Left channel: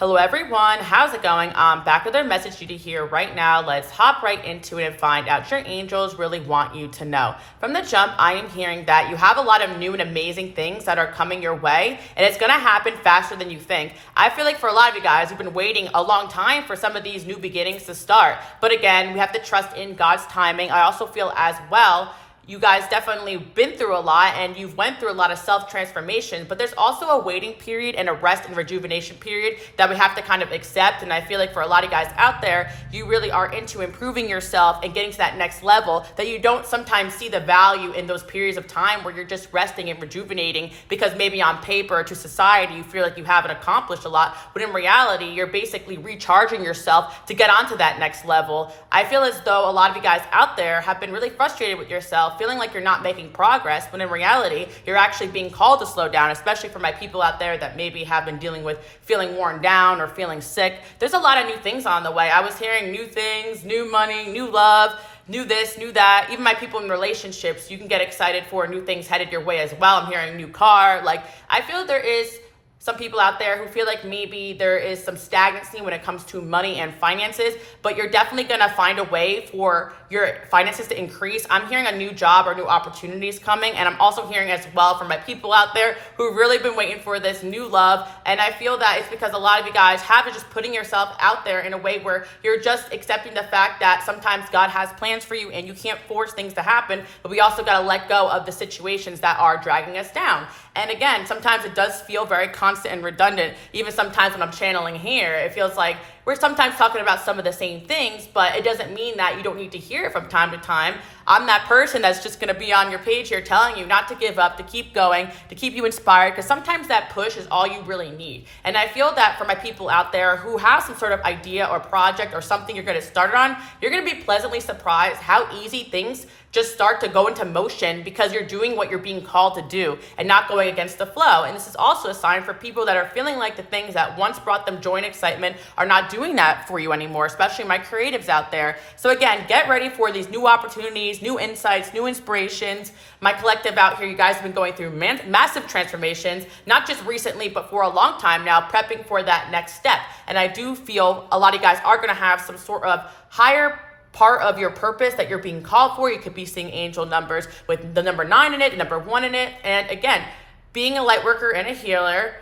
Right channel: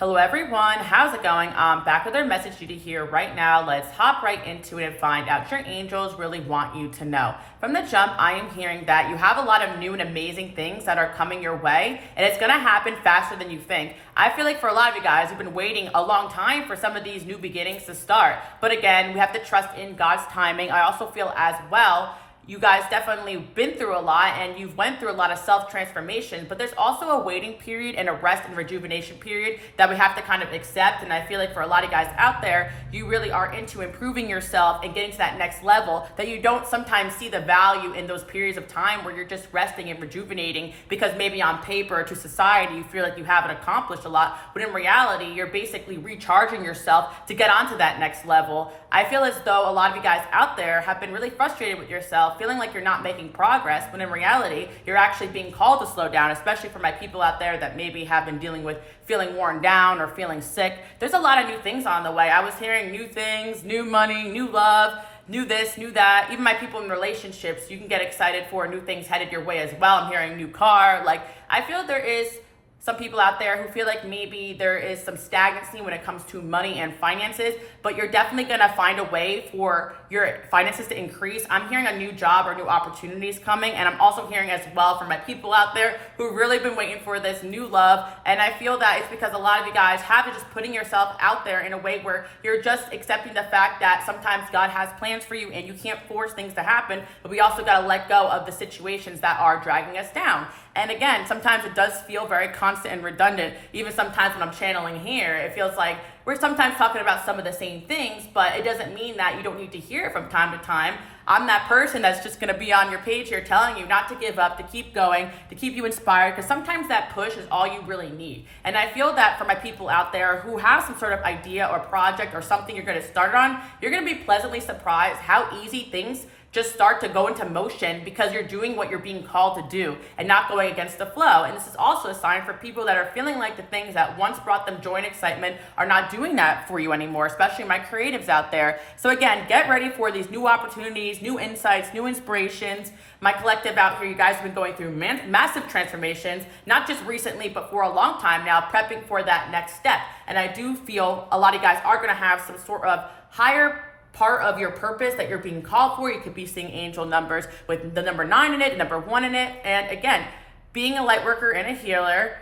Hello everyone, how's it going? I'm back with our message to you here right now. Let's hop right into it and find out your angels really want you to know. From the jump, I am hearing that you have a lot of new and amazing things that are coming your way, and it's gonna happen faster than you think. I feel like for a lot of you guys, you've been waiting a long time for some of these new beginnings to start. But again, we have to trust in God's timing. I also feel as well, you guys definitely been through a lot and you've went through a lot of self-transformation, but there's also a waiting period and a rest and rejuvenation period that we have to kind of accept. And I feel like for a lot of guys out there, you really are into improving yourself and getting to that next level, that you don't sometimes see the value in those periods of time where you're just resting and rejuvenating because maybe on paper to society, you feel like you haven't accomplished a lot, but in reality, you're basically recharging yourself to get onto that next level. I feel as though a lot of you guys out there have been really frustrated with yourself, feeling like you're not making progress, when in reality, you're actually being called to slow down, especially for my people out there that maybe have been dealing with feeling worn down or feeling sick. There's a lot of new things on the way. I was hearing new things, new money, new love, new this, new that. Even my people in relationships, you can get excited for new things headed your way as well. I'm hearing new car. Like, I feel there is some people out there who feel like maybe there is some stagnancy when it comes to money and finances, but you're definitely gonna find a way for your finances to increase. I'm hearing a new job or new opportunities coming, and I'm also hearing as well from my people out there who've really been waiting for this new love. And I feel that it's because a lot of you guys have been just putting yourself out there in a way where you're just accepting the fact that sometimes God has plans for you and you can't force things to happen, but we also gotta let go of the situations that are dragging us down. And again, sometimes it does feel very constant and redundant. Even sometimes when I'm channeling here, it feels like we're sometimes talking about some of the same things, but it doesn't mean that you don't need to hear it from time to time. I'm that person that's just gonna be on your page here telling you not to give up, to keep going, to keep you inspired, because sometimes that push is all you really need. And I feel that for my people out there who have some sort of idea or project or something you're gonna start on, you're gonna be pleasantly surprised how easy things just start to go into motion because you're doing what you're being called to do and not going against the flow. And this is also a sign for people that are feeling like the things that once brought them joy and excitement are not doing that for you anymore, especially my creatives out there. So again, get ready for these new opportunities, new insights, new inspirations. My collective out here, you guys have been going through massive transformations, not just recently, but for a long time now, prepping for that next step. And I do feel a lot of you guys are gonna have some sort of higher part of your purpose that you're being called for. You could be seeing angel numbers with the number 9 in it, the number 1 in it. And again, being a light worker and a healer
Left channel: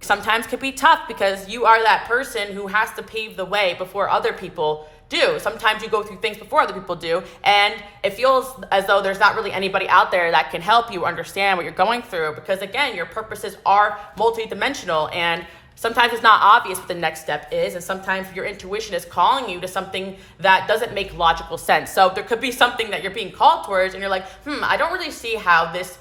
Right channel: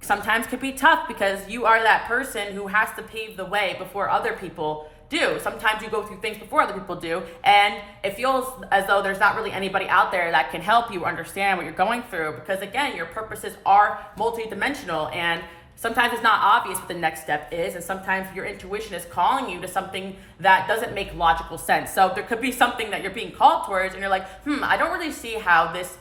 sometimes could be tough because you are that person who has to pave the way before other people do. Sometimes you go through things before other people do, and it feels as though there's not really anybody out there that can help you understand what you're going through, because again, your purposes are multidimensional, and sometimes it's not obvious what the next step is, and sometimes your intuition is calling you to something that doesn't make logical sense. So there could be something that you're being called towards, and you're like, I don't really see how this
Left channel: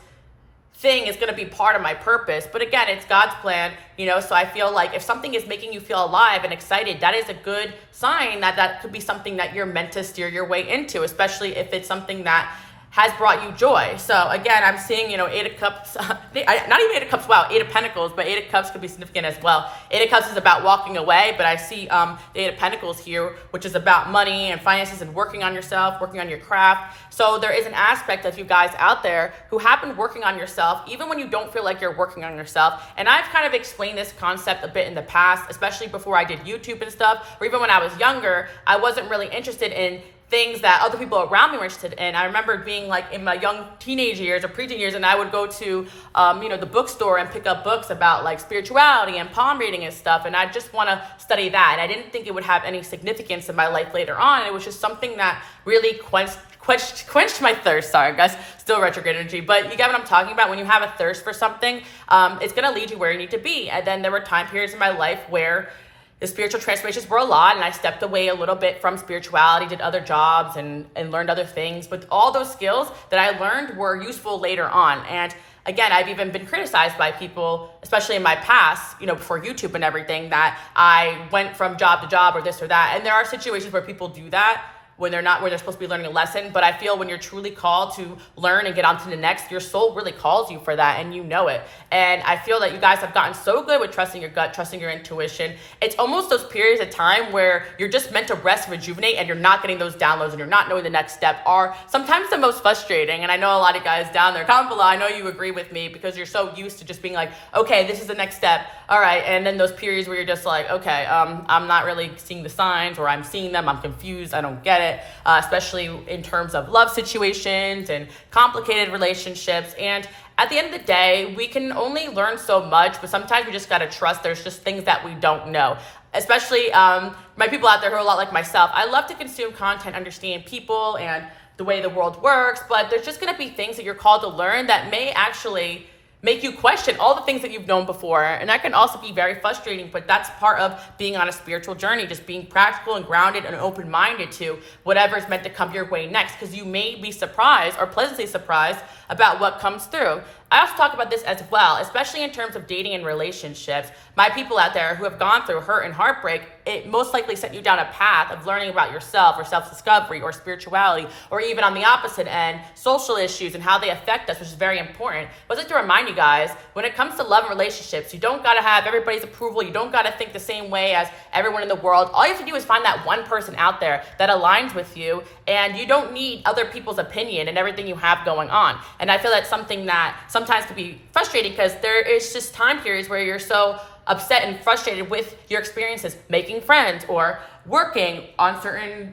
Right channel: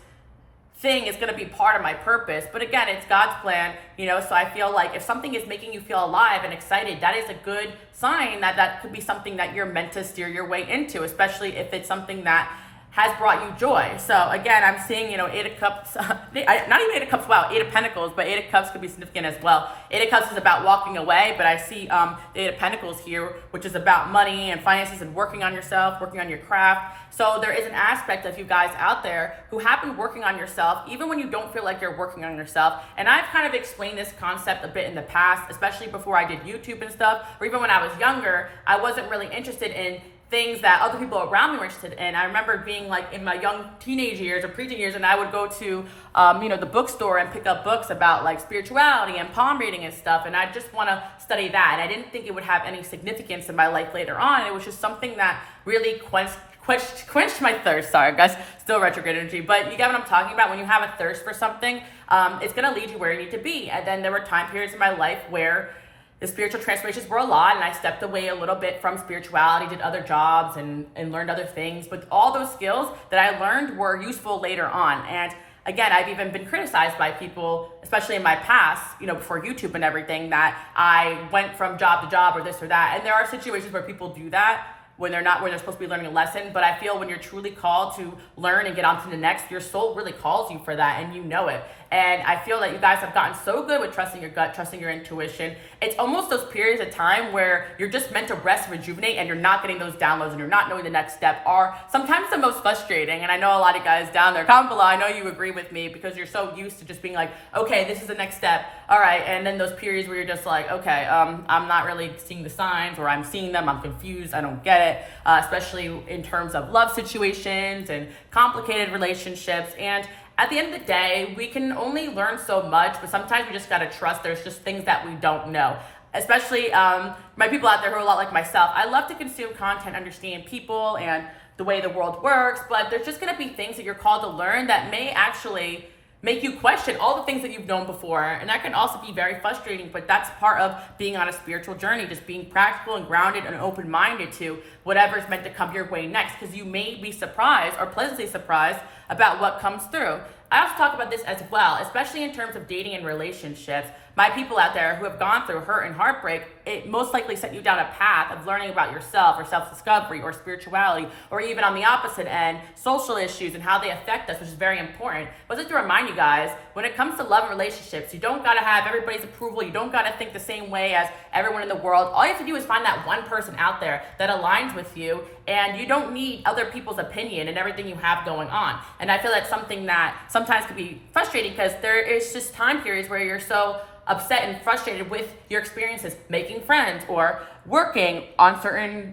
thing is going to be part of my purpose. But again, it's God's plan, so I feel like if something is making you feel alive and excited, that is a good sign that that could be something that you're meant to steer your way into, especially if it's something that has brought you joy. So again, I'm seeing, 8 of Cups, not even 8 of Cups, wow, 8 of Pentacles, but 8 of Cups could be significant as well. 8 of Cups is about walking away, but I see the 8 of Pentacles here, which is about money and finances and working on yourself, working on your craft. So there is an aspect of you guys out there who have been working on yourself, even when you don't feel like you're working on yourself. And I've kind of explained this concept a bit in the past, especially before I did YouTube and stuff, or even when I was younger, I wasn't really interested in things that other people around me were interested in. I remember being like in my young teenage years or preteen years, and I would go to, the bookstore and pick up books about like spirituality and palm reading and stuff. And I just want to study that. And I didn't think it would have any significance in my life later on. It was just something that really quenched my thirst. Sorry guys, still retrograde energy, but you get what I'm talking about. When you have a thirst for something, it's going to lead you where you need to be. And then there were time periods in my life where the spiritual transformations were a lot, and I stepped away a little bit from spirituality, did other jobs and learned other things. But all those skills that I learned were useful later on. And again, I've even been criticized by people, especially in my past, before YouTube and everything, that I went from job to job or this or that. And there are situations where people do that. when they're not, where they're supposed to be learning a lesson. But I feel when you're truly called to learn and get on to the next, your soul really calls you for that, and you know it. And I feel that you guys have gotten so good with trusting your gut, trusting your intuition. It's almost those periods of time where you're just meant to rest, rejuvenate, and you're not getting those downloads and you're not knowing the next step are sometimes the most frustrating. And I know a lot of guys down there, comment below, I know you agree with me, because you're so used to just being like, okay, this is the next step. All right. And then those periods where you're just like, okay, I'm not really seeing the signs, or I'm seeing them, I'm confused, I don't get it, especially in terms of love situations and complicated relationships. And at the end of the day, we can only learn so much, but sometimes we just got to trust there's just things that we don't know. Especially my people out there who are a lot like myself. I love to consume content, understand people and the way the world works, but there's just going to be things that you're called to learn that may actually make you question all the things that you've known before. And that can also be very frustrating, but that's part of being on a spiritual journey, just being practical and grounded and open-minded to whatever is meant to come your way next, because you may be surprised or pleasantly surprised about what comes through. I also talk about this as well, especially in terms of dating and relationships. My people out there who have gone through hurt and heartbreak, it most likely set you down a path of learning about yourself or self-discovery or spirituality, or even on the opposite end, social issues and how they affect us, which is very important. But I'd like to remind you guys, when it comes to love and relationships, you don't gotta have everybody's approval. You don't gotta think the same way as everyone in the world. All you have to do is find that one person out there that aligns with you, and you don't need other people's opinion and everything you have going on. And I feel that's something that sometimes can be frustrating, because there is just time periods where you're so upset and frustrated with your experiences making friends or working on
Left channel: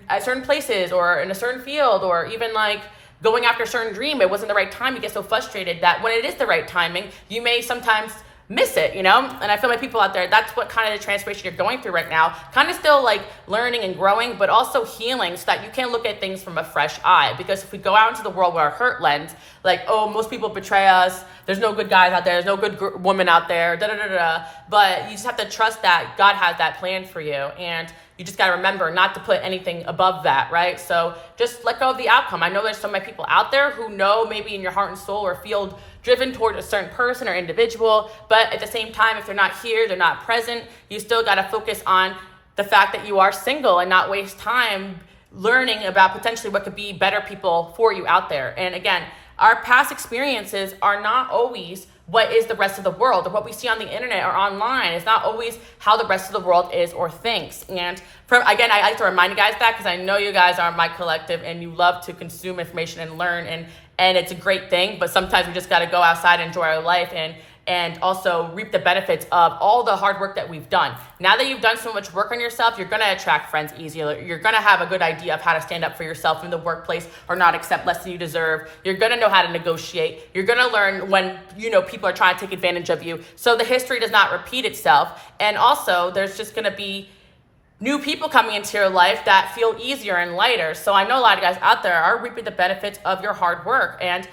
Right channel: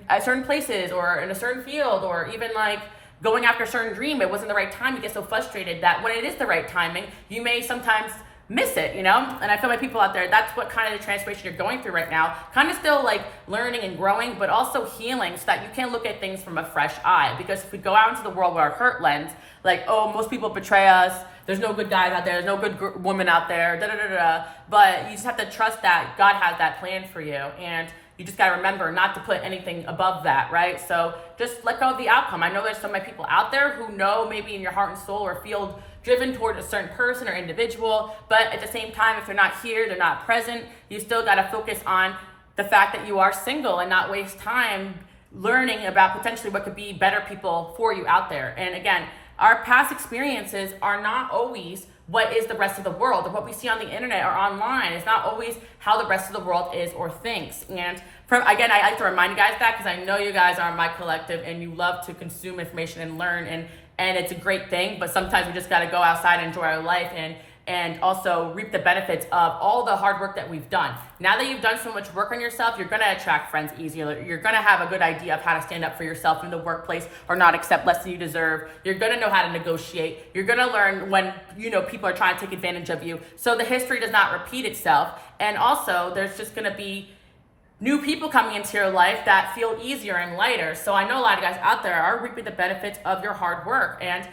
at certain places or in a certain field, or even like going after a certain dream. It wasn't the right time. You get so frustrated that when it is the right timing, you may sometimes miss it, you know? And I feel like people out there, that's what kind of the transformation you're going through right now, kind of still like learning and growing, but also healing, so that you can look at things from a fresh eye. Because if we go out into the world with our hurt lens, like, oh, most people betray us, there's no good guys out there, there's no good woman out there, but you just have to trust that God has that plan for you. And you just got to remember not to put anything above that, right? So just let go of the outcome. I know there's so many people out there who know maybe in your heart and soul or feel driven toward a certain person or individual, but at the same time, if they're not here, they're not present, you still got to focus on the fact that you are single and not waste time learning about potentially what could be better people for you out there. And again, our past experiences are not always what is the rest of the world, or what we see on the internet or online. It's not always how the rest of the world is or thinks. And again, I like to remind you guys that, because I know you guys are my collective and you love to consume information and learn, and it's a great thing, but sometimes we just got to go outside and enjoy our life and also reap the benefits of all the hard work that we've done. Now that you've done so much work on yourself, you're gonna attract friends easier. You're gonna have a good idea of how to stand up for yourself in the workplace or not accept less than you deserve. You're gonna know how to negotiate. You're gonna learn when, people are trying to take advantage of you, so the history does not repeat itself. And also, there's just gonna be new people coming into your life that feel easier and lighter. So I know a lot of guys out there are reaping the benefits of your hard work, and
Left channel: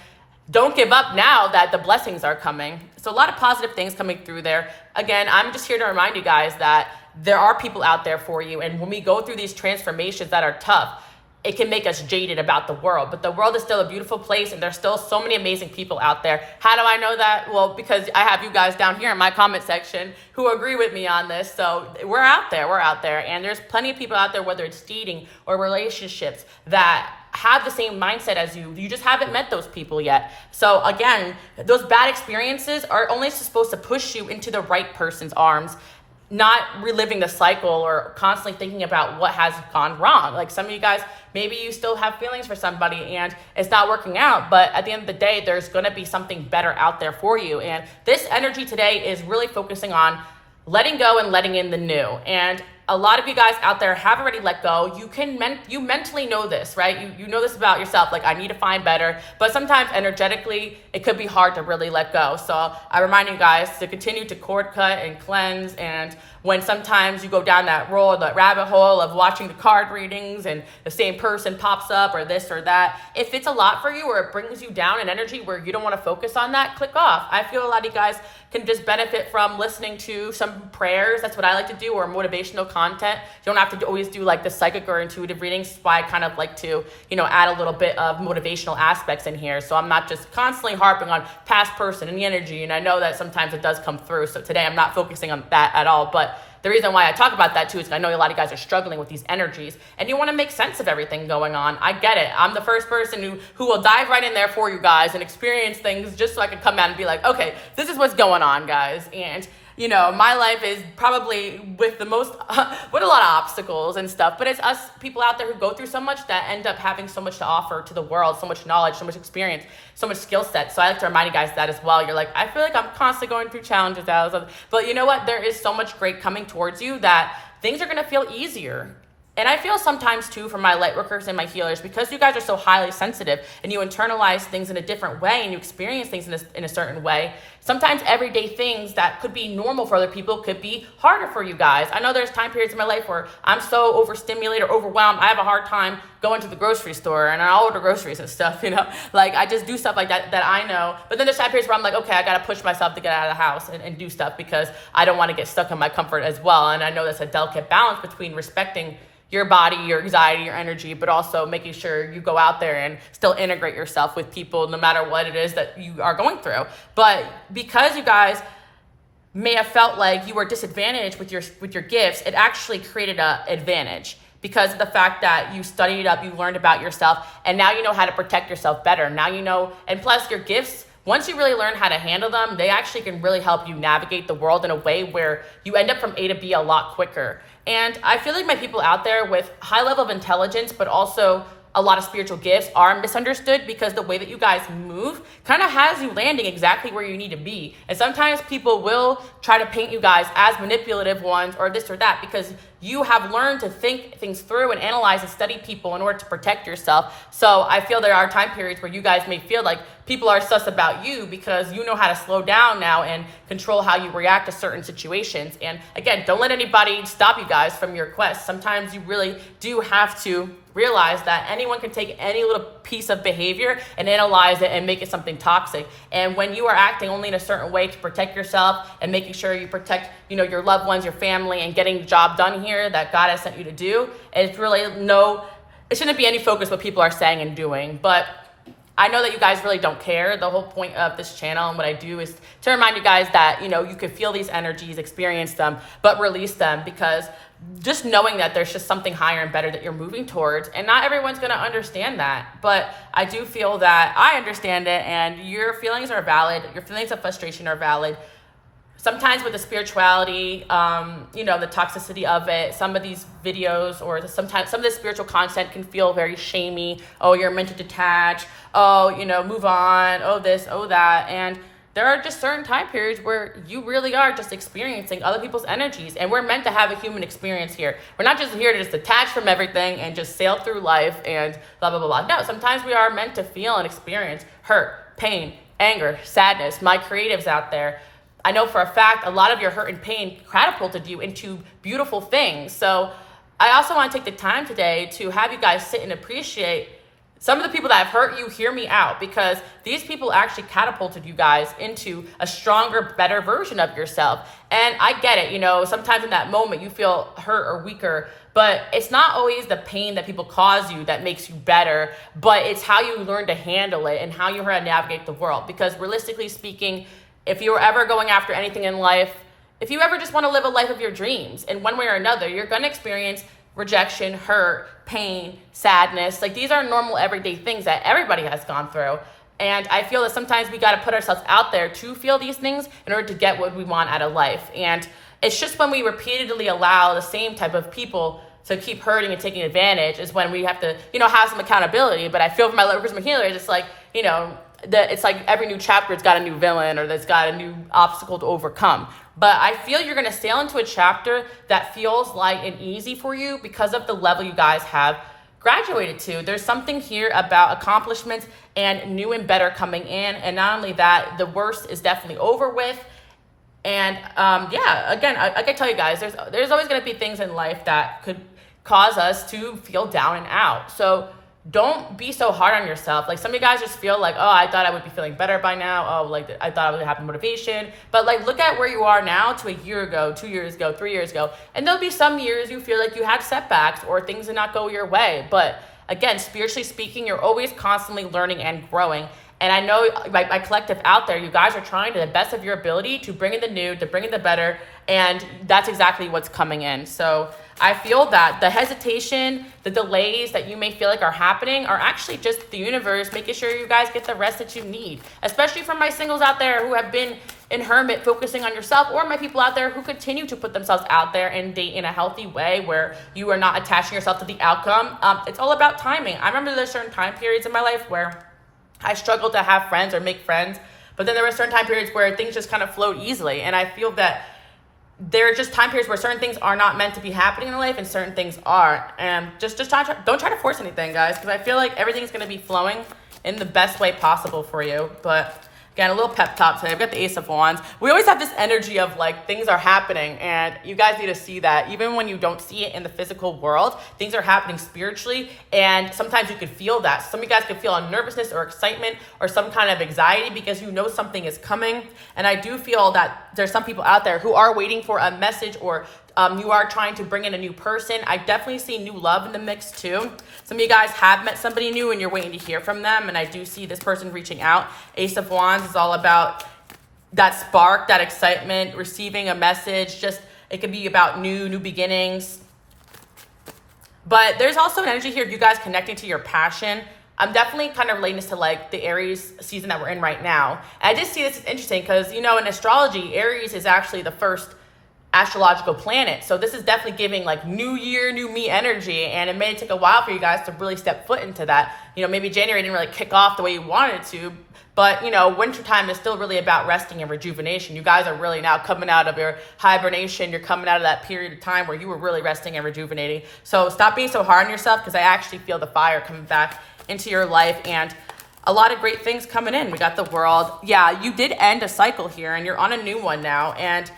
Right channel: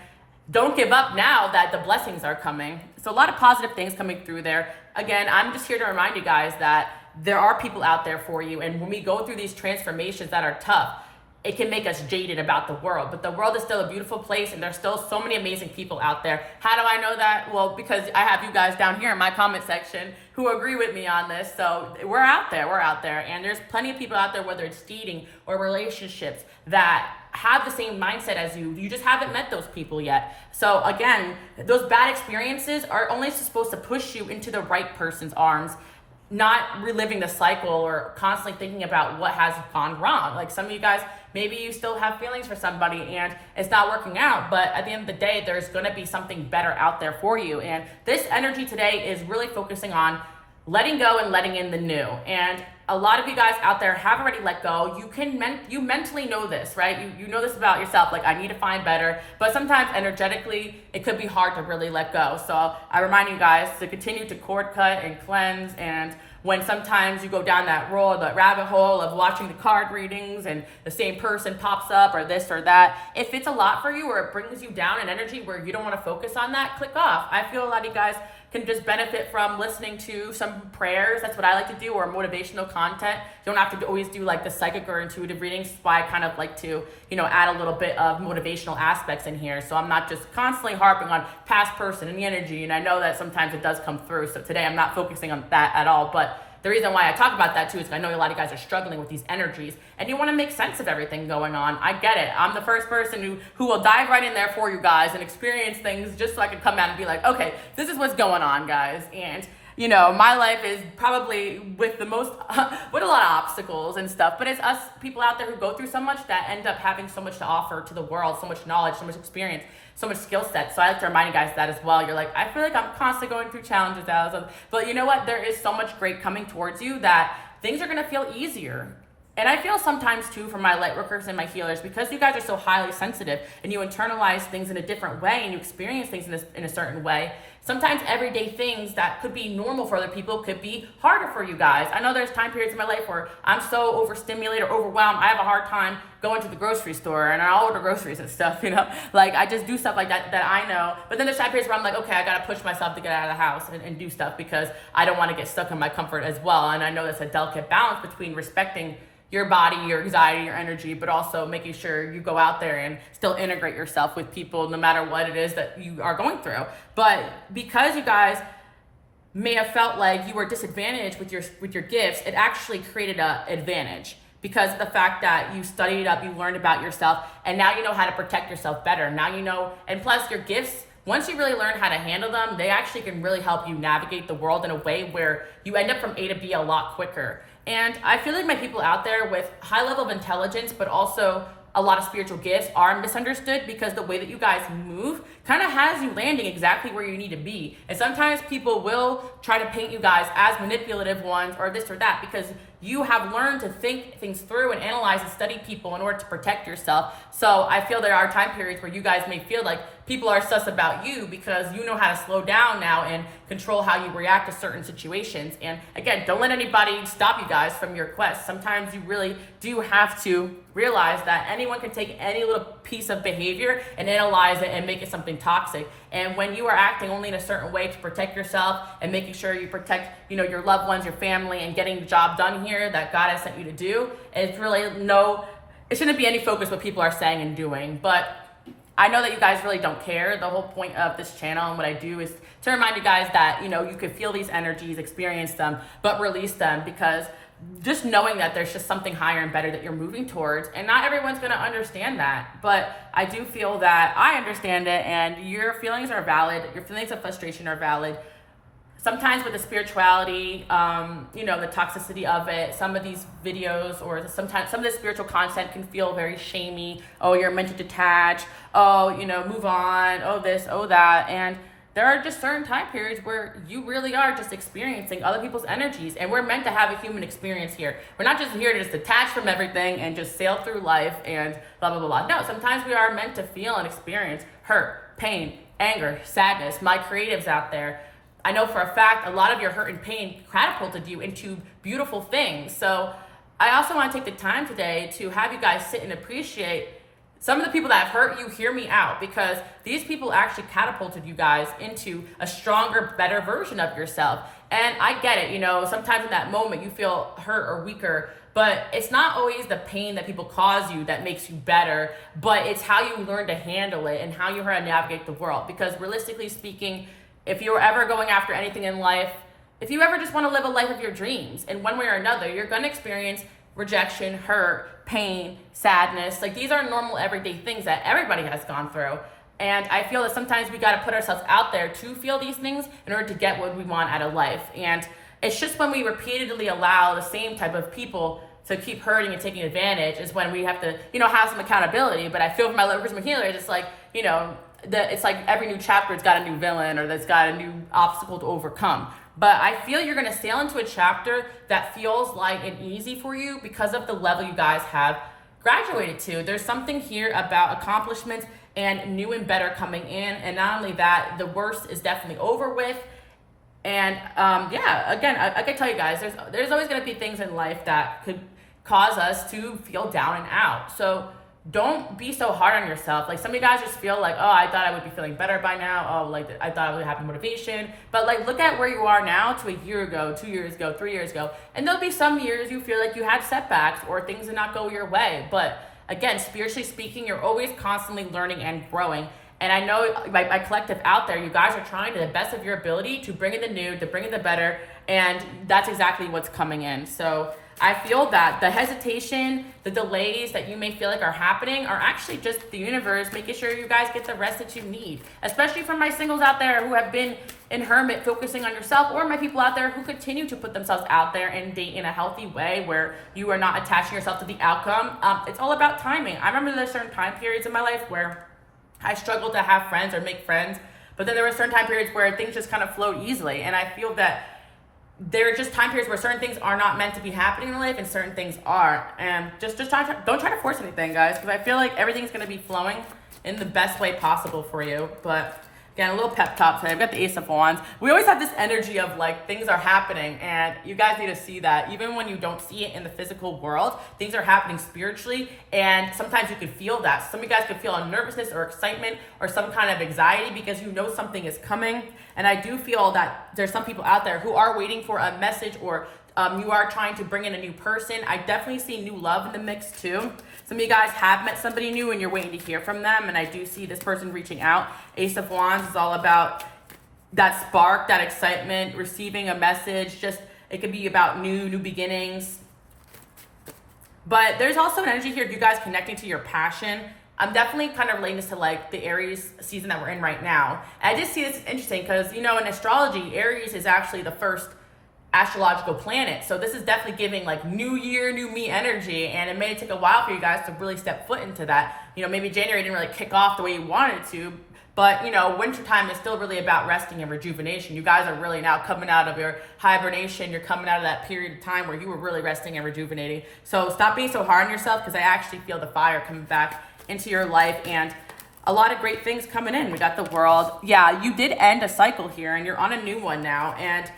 don't give up now that the blessings are coming. So a lot of positive things coming through there. Again, I'm just here to remind you guys that there are people out there for you. And when we go through these transformations that are tough, it can make us jaded about the world. But the world is still a beautiful place, and there's still so many amazing people out there. How do I know that? Well, because I have you guys down here in my comment section who agree with me on this. So we're out there. And there's plenty of people out there, whether it's dating or relationships, that have the same mindset as you. You just haven't met those people yet. So again, those bad experiences are only supposed to push you into the right person's arms, not reliving the cycle or constantly thinking about what has gone wrong. Like some of you guys, maybe you still have feelings for somebody and it's not working out, but at the end of the day, there's gonna be something better out there for you. And this energy today is really focusing on letting go and letting in the new. And a lot of you guys out there have already let go. You mentally know this, right? You know this about yourself, like I need to find better, but sometimes energetically, it could be hard to really let go. So I remind you guys to continue to cord cut and cleanse. And when sometimes you go down that rabbit hole of watching the card readings and the same person pops up or this or that, if it's a lot for you or it brings you down in energy where you don't want to focus on that, click off. I feel a lot of you guys can just benefit from listening to some prayers. That's what I like to do, or motivational content. You don't have to always do like the psychic or intuitive readings. That's why I kind of like to, add a little bit of motivational aspects in here. So I'm not just constantly harping on past person and the energy. And I know that sometimes it does come through. So today I'm not focusing on that at all, but the reason why I talk about that too is I know a lot of you guys are struggling with these energies and you want to make sense of everything going on. I get it. I'm the first person who will dive right in there for you guys and experience things just so I can come out and be like, okay, this is what's going on, guys. And you know, my life is probably with the most, with a lot of obstacles and stuff, but it's us people out there who go through so much that end up having so much to offer to the world, so much knowledge, so much experience, so much skill set. So I like to remind you guys that as well. You're like, I feel like I'm constantly going through challenges, but you know what? There is so much great coming towards you that things are going to feel easier. And I feel sometimes too for my light workers and my healers, because you guys are so highly sensitive and you internalize things in a different way and you experience things in a certain way. Sometimes everyday things that could be normal for other people could be harder for you guys. I know there's time periods in my life where I'm so overstimulated or overwhelmed. I have a hard time going to the grocery store and I'll order groceries and stuff, you know, like I just do stuff like that I know. But then there's time periods where I'm like, okay, I got to push myself to get out of the house and do stuff because I don't want to get stuck in my comfort as well. And I know that's a delicate balance between respecting your body, your anxiety, your energy, but also making sure you go out there and still integrate yourself with people no matter what it is that you are going through. But because you guys may have felt like you were disadvantaged with your gifts, it actually created an advantage because of the fact that you studied it up, you learned about yourself, and now you know how to protect yourself better. Now you know, and plus your gifts, once you really learn how to handle them, they actually can really help you navigate the world in a way where you end up from A to B a lot quicker. And I feel like my people out there with high level of intelligence, but also a lot of spiritual gifts are misunderstood because the way that you guys move kind of has you landing exactly where you need to be. And sometimes people will try to paint you guys as manipulative ones or this or that because you have learned to think things through and analyze and study people in order to protect yourself. So I feel there are time periods where you guys may feel like people are sus about you because you know how to slow down now and control how you react to certain situations. And again, don't let anybody stop you guys from your quest. Sometimes you really do have to realize that anyone can take any little piece of behavior and analyze it and make it something toxic. And when you are acting only in a certain way to protect yourself and making sure you protect, you know, your loved ones, your family, and getting the job done here that God has sent you to do, it's really it shouldn't be any focus what people are saying and doing. But I know that you guys really don't care. The whole point of this channel and what I do is to remind you guys that, you know, you could feel these energies, experience them, but release them, because just knowing that there's just something higher and better that you're moving towards, and not everyone's going to understand that, but I do feel that I understand it, and your feelings are valid. Your feelings of frustration are valid. Sometimes with the spirituality, you know, the toxicity of it, some of these videos or sometimes some of the spiritual content can feel very shamey. Oh, you're meant to detach. Oh, you know, move on. Oh, this, oh, that. And there are just certain time periods where you really are just experiencing other people's energies. And we're meant to have a human experience here. We're not just here to just detach from everything and just sail through life and blah, blah, blah, blah. No, sometimes we are meant to feel and experience hurt, pain, anger, sadness. My creatives out there, I know for a fact a lot of your hurt and pain catapulted you into beautiful things. So I also want to take the time today to have you guys sit and appreciate some of the people that have hurt you. Hear me out, because these people actually catapulted you guys into a stronger, better version of yourself. And I get it, you know, sometimes in that moment you feel hurt or weaker, but it's not always the pain that people cause you that makes you better, but it's how you learn to handle it and how you learn to navigate the world. Because realistically speaking, if you were ever going after anything in life, if you ever just want to live a life of your dreams, in one way or another, you're going to experience rejection, hurt, pain, sadness. Like, these are normal everyday things that everybody has gone through. And I feel that sometimes we got to put ourselves out there to feel these things in order to get what we want out of life. And it's just when we repeatedly allow the same type of people to keep hurting and taking advantage is when we have to, you know, have some accountability. But I feel for my workers and healers, it's like, you know, it's like every new chapter, it's got a new villain or it's got a new obstacle to overcome. But I feel you're going to sail into a chapter that feels light and easy for you because of the level you guys have graduated to. There's something here about accomplishments and new and better coming in. And not only that, the worst is definitely over with. And again, I can tell you guys, there's always going to be things in life that could cause us to feel down and out. So don't be so hard on yourself. Like, some of you guys just feel like, oh, I thought I would be feeling better by now. Oh, like, I thought I would have motivation. But like, look at where you are now to a year ago, 2 years ago, 3 years ago. And there'll be some years you feel like you had setbacks or things did not go your way. But again, spiritually speaking, you're always constantly learning and growing. And I know my collective out there, you guys are trying to the best of your ability to bring in the new, to bring in the better. And that's exactly what's coming in. So I feel that the hesitation, the delays that you may feel like are happening are actually just the universe making sure you guys get the rest that you need. Especially for my singles out there who have been in hermit, focusing on yourself, or my people out there who continue to put themselves out there and date in a healthy way where you are not attaching yourself to the outcome. It's all about timing. I remember there's certain time periods in my life where I struggled to have friends or make friends, but then there were certain time periods where things just kind of flowed easily. And I feel that there are just time periods where certain things are not meant to be happening in life and certain things are. And just don't try to force anything, guys, because I feel like everything's going to be flowing in the best way possible for you. But again, a little pep talk today. I've got the Ace of Wands. We always have this energy of like things are happening, and you guys need to see that. Even when you don't see it in the physical world, things are happening spiritually, and sometimes you can feel that. Some of you guys could feel a nervousness or excitement or some kind of anxiety because you know something is coming. And I do feel that there's some people out there who are waiting for a message, or you are trying to bring in a new person. I definitely see new love in the mix too. Some of you guys have met somebody new and you're waiting to hear from them. And I do see this person reaching out. Ace of Wands is all about that spark, that excitement, receiving a message. Just, it could be about new beginnings. But there's also an energy here of you guys connecting to your passion. I'm definitely kind of relating this to like the Aries season that we're in right now. And I just see this as interesting because, you know, in astrology, Aries is actually the first astrological planet. So this is definitely giving like new year, new me energy. And it may take a while for you guys to really step foot into that. You know, maybe January didn't really kick off the way you wanted it to, but you know, wintertime is still really about resting and rejuvenation. You guys are really now coming out of your hibernation. You're coming out of that period of time where you were really resting and rejuvenating. So stop being so hard on yourself, because I actually feel the fire coming back into your life and a lot of great things coming in. We got the World. Yeah, you did end a cycle here and you're on a new one now. And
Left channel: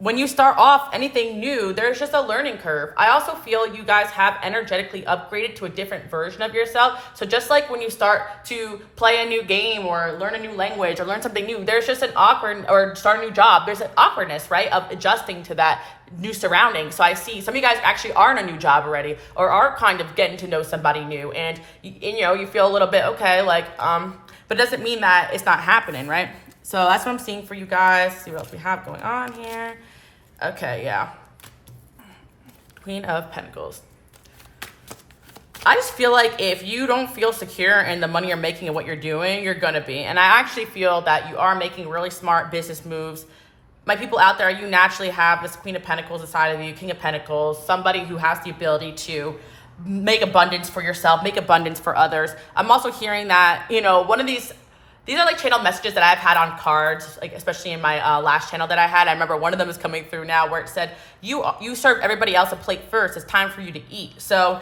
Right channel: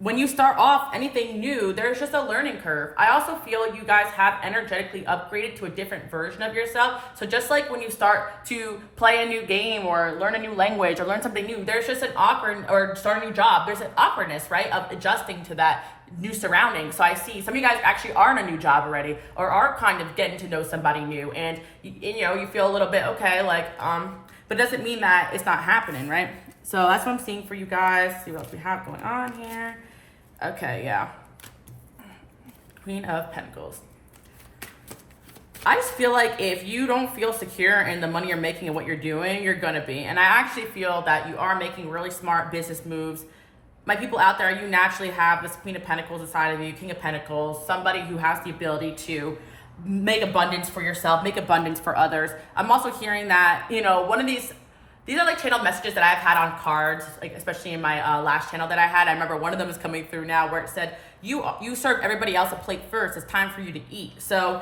when you start off anything new, there's just a learning curve. I also feel you guys have energetically upgraded to a different version of yourself. So just like when you start to play a new game or learn a new language or learn something new, there's just an awkward, or start a new job, there's an awkwardness, right, of adjusting to that new surrounding. So I see some of you guys actually are in a new job already, or are kind of getting to know somebody new, and you know, you feel a little bit okay, like but it doesn't mean that it's not happening, right? So that's what I'm seeing for you guys. See what else we have going on here. Okay, yeah. Queen of Pentacles. I just feel like if you don't feel secure in the money you're making and what you're doing, you're gonna be. And I actually feel that you are making really smart business moves. My people out there, you naturally have this Queen of Pentacles inside of you, King of Pentacles, somebody who has the ability to make abundance for yourself, make abundance for others. I'm also hearing that, you know, one of these are like channel messages that I've had on cards, like especially in my last channel that I had. I remember one of them is coming through now where it said, you serve everybody else a plate first. It's time for you to eat. So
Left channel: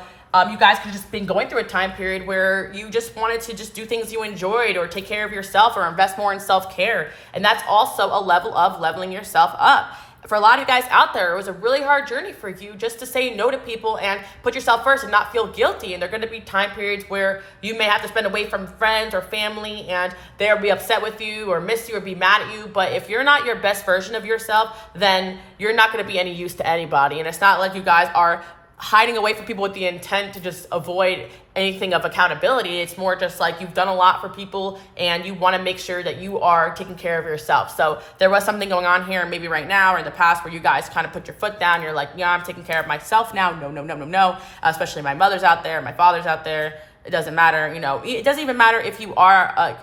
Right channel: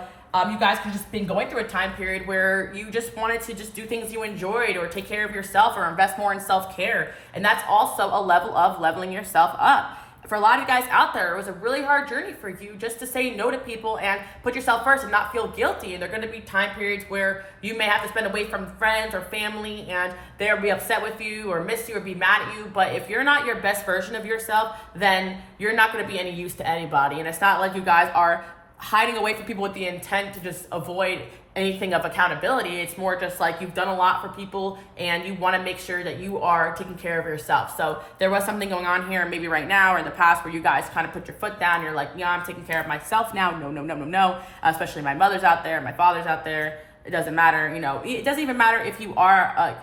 you guys could just been going through a time period where you just wanted to just do things you enjoyed, or take care of yourself, or invest more in self-care. And that's also a level of leveling yourself up. For a lot of you guys out there, it was a really hard journey for you just to say no to people and put yourself first and not feel guilty. And there are going to be time periods where you may have to spend away from friends or family, and they'll be upset with you or miss you or be mad at you. But if you're not your best version of yourself, then you're not going to be any use to anybody. And it's not like you guys are hiding away from people with the intent to just avoid anything of accountability. It's more just like you've done a lot for people and you want to make sure that you are taking care of yourself. So there was something going on here, maybe right now or in the past, where you guys kind of put your foot down. You're like, yeah, I'm taking care of myself now. No. Especially my mother's out there, my father's out there. It doesn't matter. You know, it doesn't even matter if you are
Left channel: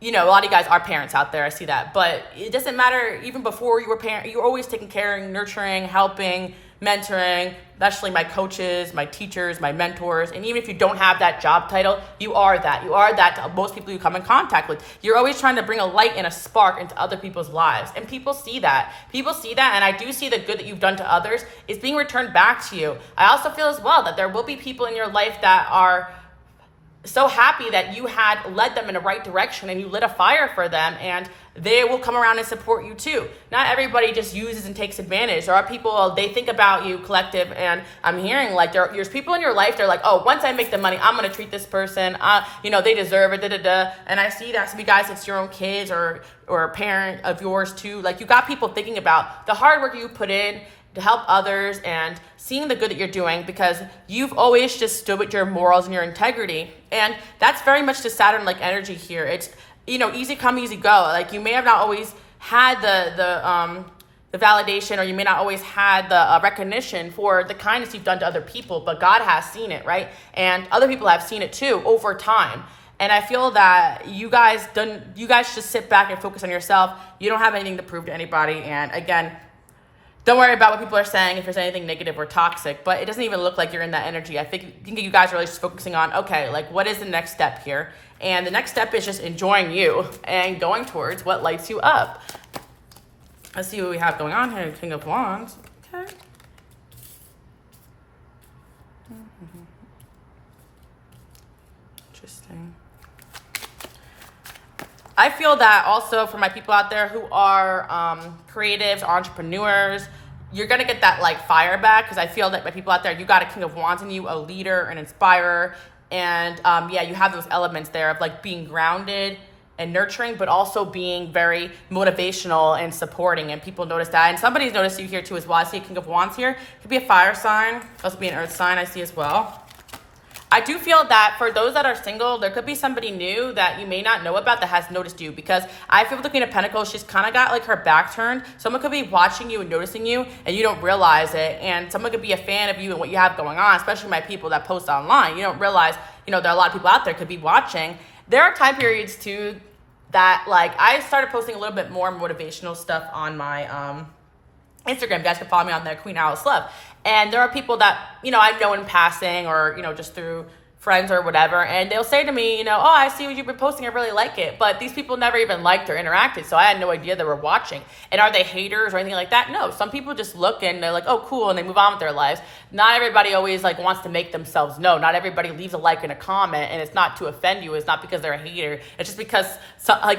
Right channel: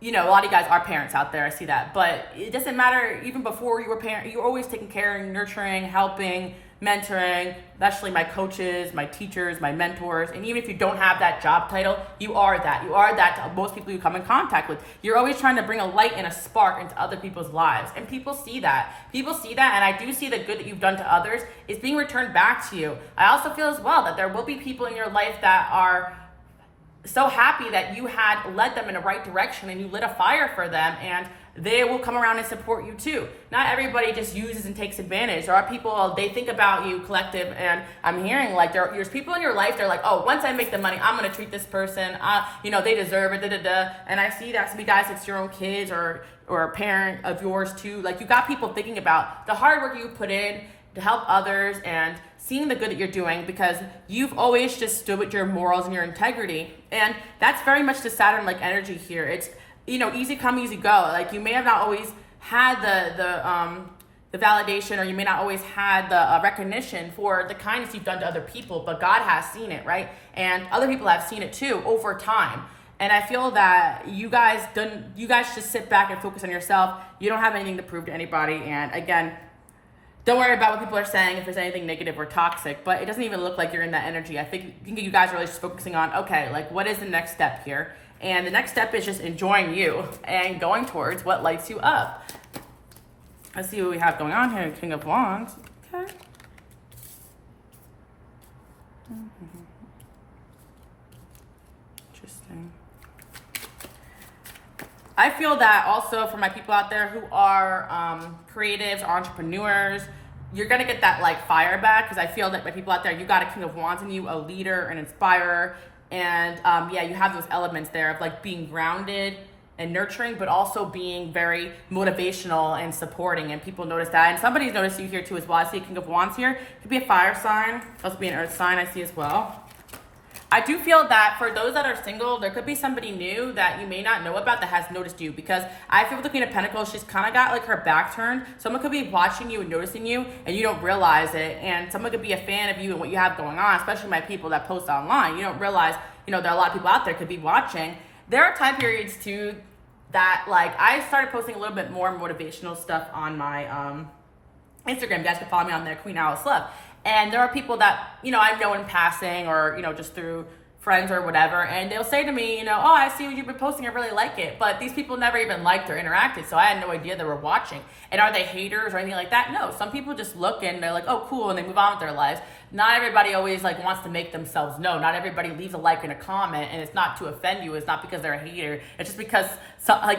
you know, a lot of you guys are parents out there. I see that. But it doesn't matter, even before you were parent, you were always taking care, nurturing, helping, mentoring, especially my coaches, my teachers, my mentors. And even if you don't have that job title, you are that. You are that to most people you come in contact with. You're always trying to bring a light and a spark into other people's lives. And people see that. People see that, and I do see the good that you've done to others is being returned back to you. I also feel as well that there will be people in your life that are so happy that you had led them in the right direction and you lit a fire for them, and they will come around and support you too. Not everybody just uses and takes advantage. There are people, they think about you, collective, and I'm hearing like there's people in your life, they're like, oh, once I make the money, I'm gonna treat this person, you know, they deserve it, And I see that some of you guys, it's your own kids or a parent of yours too. Like, you got people thinking about the hard work you put in to help others and seeing the good that you're doing, because you've always just stood with your morals and your integrity. And that's very much the Saturn like energy here. It's, you know, easy come, easy go. Like, you may have not always had the validation, or you may not always had the recognition for the kindness you've done to other people, but God has seen it, right? And other people have seen it too over time. And I feel that you guys just sit back and focus on yourself. You don't have anything to prove to anybody. And again, don't worry about what people are saying if there's anything negative or toxic, but it doesn't even look like you're in that energy. I think you guys are really just focusing on, okay, like what is the next step here? And the next step is just enjoying you and going towards what lights you up. Let's see what we have going on here. King of Wands. Okay. Interesting. I feel that also for my people out there who are creatives, entrepreneurs, you're going to get that like fire back, because I feel that my people out there, you got a King of Wands in you, a leader, an inspirer. And yeah, you have those elements there of like being grounded and nurturing, but also being very motivational and supporting. And people notice that. And somebody's noticed you here too as well. I see a King of Wands here. It could be a fire sign. Could also be an earth sign I see as well. I do feel that for those that are single, there could be somebody new that you may not know about that has noticed you, because I feel with the Queen of Pentacles, she's kind of got like her back turned. Someone could be watching you and noticing you and you don't realize it. And someone could be a fan of you and what you have going on, especially my people that post online. You don't realize, there are a lot of people out there could be watching. There are time periods too that like I started posting a little bit more motivational stuff on my Instagram. You guys can follow me on there, Queen Alice Love. And there are people that, I know in passing or, just through friends or whatever. And they'll say to me, oh, I see what you've been posting. I really like it. But these people never even liked or interacted. So I had no idea they were watching. And are they haters or anything like that? No, some people just look and they're like, oh, cool. And they move on with their lives. Not everybody always like wants to make themselves known. Not everybody leaves a like and a comment. And it's not to offend you. It's not because they're a hater. It's just because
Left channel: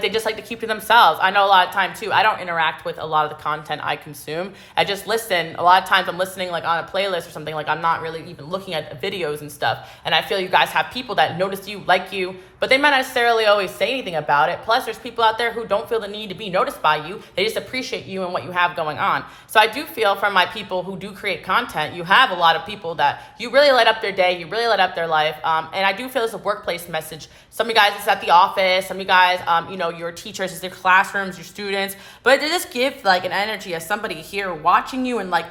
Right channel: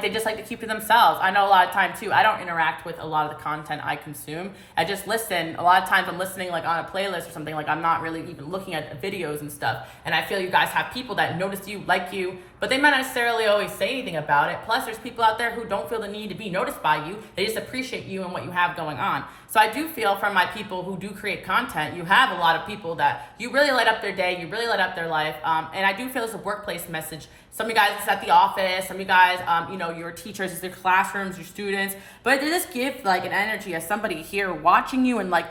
they just like to keep to themselves. I know a lot of time too, I don't interact with a lot of the content I consume. I just listen. A lot of times I'm listening like on a playlist or something. Like I'm not really even looking at videos and stuff. And I feel you guys have people that notice you, like you, but they might not necessarily always say anything about it. Plus there's people out there who don't feel the need to be noticed by you. They just appreciate you and what you have going on. So I do feel from my people who do create content, you have a lot of people that you really light up their day, you really light up their life. And I do feel it's a workplace message. Some of you guys, it's at the office. Some of you guys, your teachers, it's their classrooms, your students. But they just give like an energy as somebody here watching you, and like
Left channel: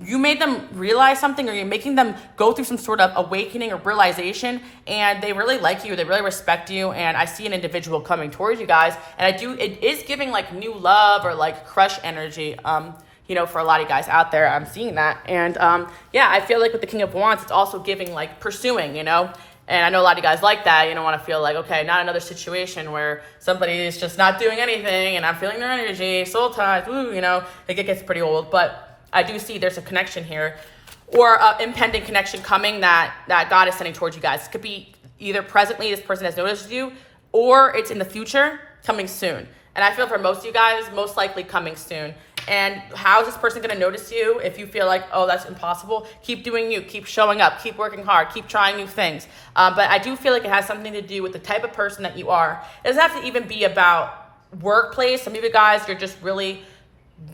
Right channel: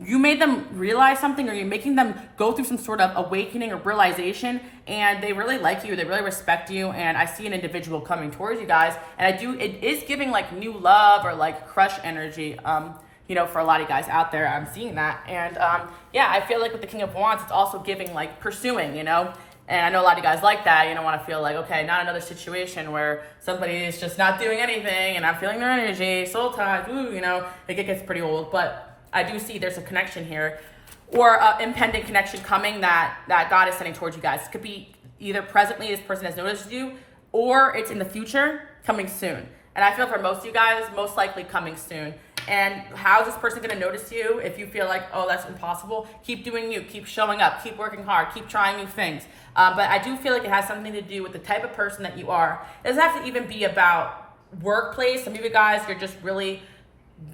you made them realize something, or you're making them go through some sort of awakening or realization, and they really like you, they really respect you. And I see an individual coming towards you guys, and it is giving like new love or like crush energy. For a lot of you guys out there, I'm seeing that. And yeah, I feel like with the King of Wands, it's also giving like pursuing, And I know a lot of you guys like that. You don't want to feel like, okay, not another situation where somebody is just not doing anything and I'm feeling their energy, soul ties, like it gets pretty old. But I do see there's a connection here, or an impending connection coming that God is sending towards you guys. It could be either presently this person has noticed you, or it's in the future coming soon. And I feel for most of you guys, most likely coming soon. And how is this person going to notice you? If you feel like, oh, that's impossible, keep doing you, keep showing up, keep working hard, keep trying new things. But I do feel like it has something to do with the type of person that you are. It doesn't have to even be about workplace. Some of you guys, you're just really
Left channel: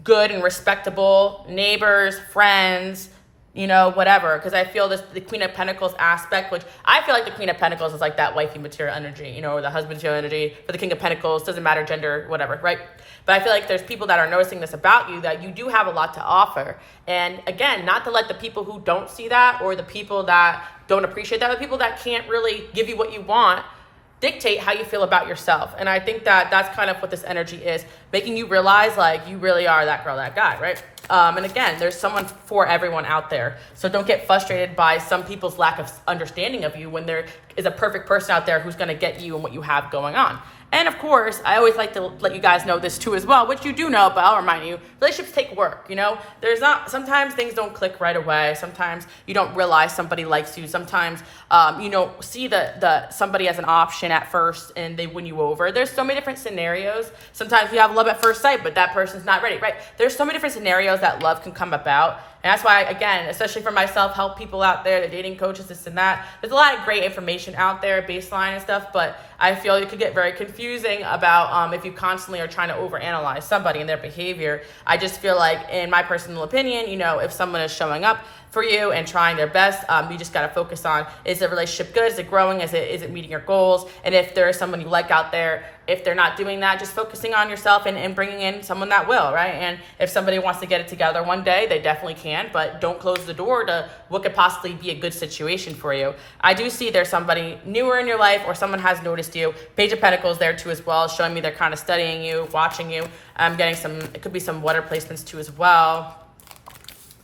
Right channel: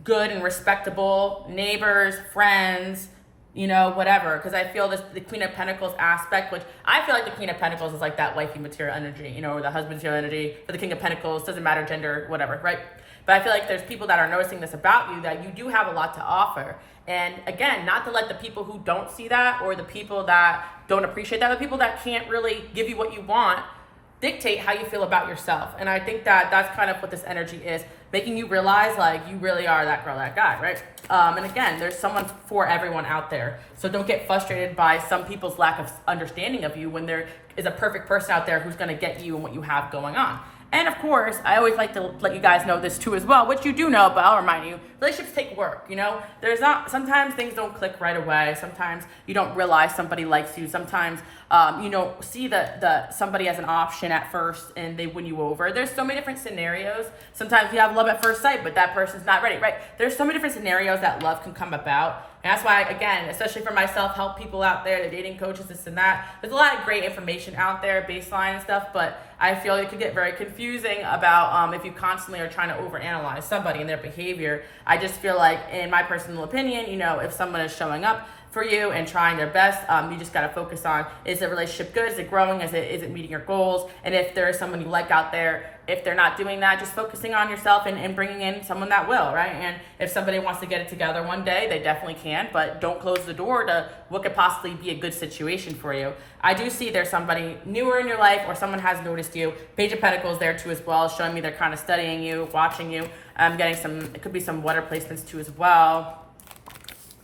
good and respectable neighbors, friends, whatever. Because I feel the Queen of Pentacles aspect, which I feel like the Queen of Pentacles is like that wifey material energy, or the husband material energy. For the King of Pentacles, doesn't matter gender, whatever, right? But I feel like there's people that are noticing this about you, that you do have a lot to offer. And again, not to let the people who don't see that, or the people that don't appreciate that, the people that can't really give you what you want, dictate how you feel about yourself. And I think that that's kind of what this energy is, making you realize like you really are that girl, that guy, right? And again, there's someone for everyone out there. So don't get frustrated by some people's lack of understanding of you when there is a perfect person out there who's going to get you and what you have going on. And of course, I always like to let you guys know this too as well, which you do know, but I'll remind you, relationships take work, sometimes things don't click right away. Sometimes you don't realize somebody likes you. Sometimes you don't see the somebody as an option at first and they win you over. There's so many different scenarios. Sometimes you have love at first sight, but that person's not ready, right? There's so many different scenarios that love can come about. And that's why, again, especially for myself, help people out there, the dating coaches, this and that. There's a lot of great information out there, baseline and stuff, but I feel it could get very confusing about if you constantly are trying to overanalyze somebody and their behavior. I just feel like, in my personal opinion, if someone is showing up, for you and trying their best. You just got to focus on, is the relationship good? Is it growing? Is it meeting your goals? And if there is someone you like out there, if they're not doing that, just focusing on yourself and bringing in someone that will, right? And if somebody wants to get it together one day, they definitely can, but don't close the door to what could possibly be a good situation for you. I do see there's somebody newer in your life, or someone has noticed you. Page of Pentacles there too as well, showing me they're kind of studying you, watching you. I'm getting it could be some water placements too as well.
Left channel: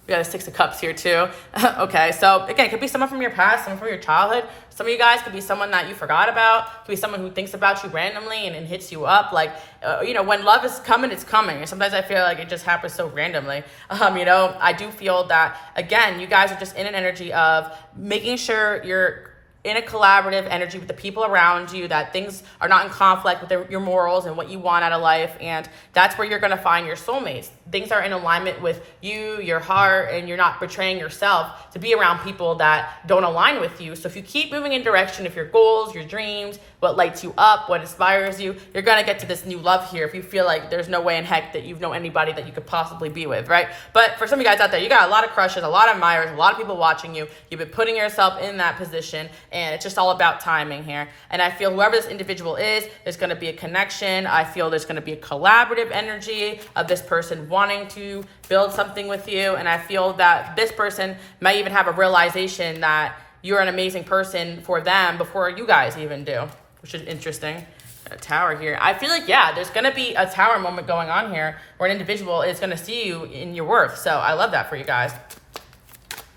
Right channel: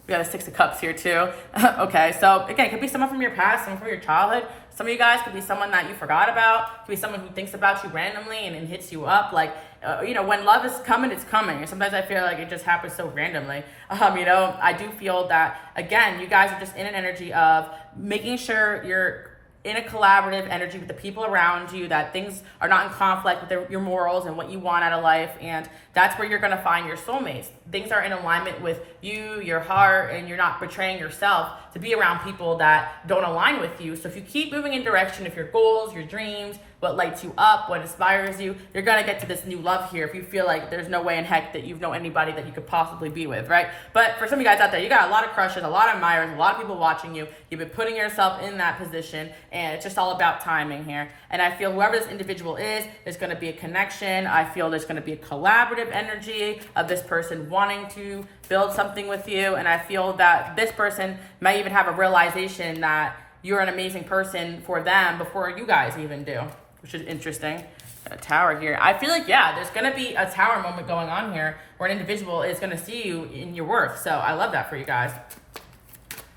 We got a Six of Cups here too. Okay, so again, it could be someone from your past, someone from your childhood. Some of you guys could be someone that you forgot about. Could be someone who thinks about you randomly and hits you up. Like, when love is coming, it's coming. And sometimes I feel like it just happens so randomly. I do feel that, again, you guys are just in an energy of making sure you're in a collaborative energy with the people around you, that things are not in conflict with your morals and what you want out of life. And that's where you're going to find your soulmates. Things are in alignment with you, your heart, and you're not betraying yourself to be around people that don't align with you. So if you keep moving in direction of your goals, your dreams, what lights you up, what inspires you, you're going to get to this new love here if you feel like there's no way in heck that you know anybody that you could possibly be with, right? But for some of you guys out there, you got a lot of crushes, a lot of admirers, a lot of people watching you. You've been putting yourself in that position, and it's just all about timing here. And I feel whoever this individual is, there's going to be a connection. I feel there's going to be a collaborative energy of this person wanting to build something with you. And I feel that this person might even have a realization that you're an amazing person for them before you guys even do, which is interesting. A tower here. I feel like, yeah, there's going to be a tower moment going on here where an individual is going to see you in your worth. So I love that for you guys.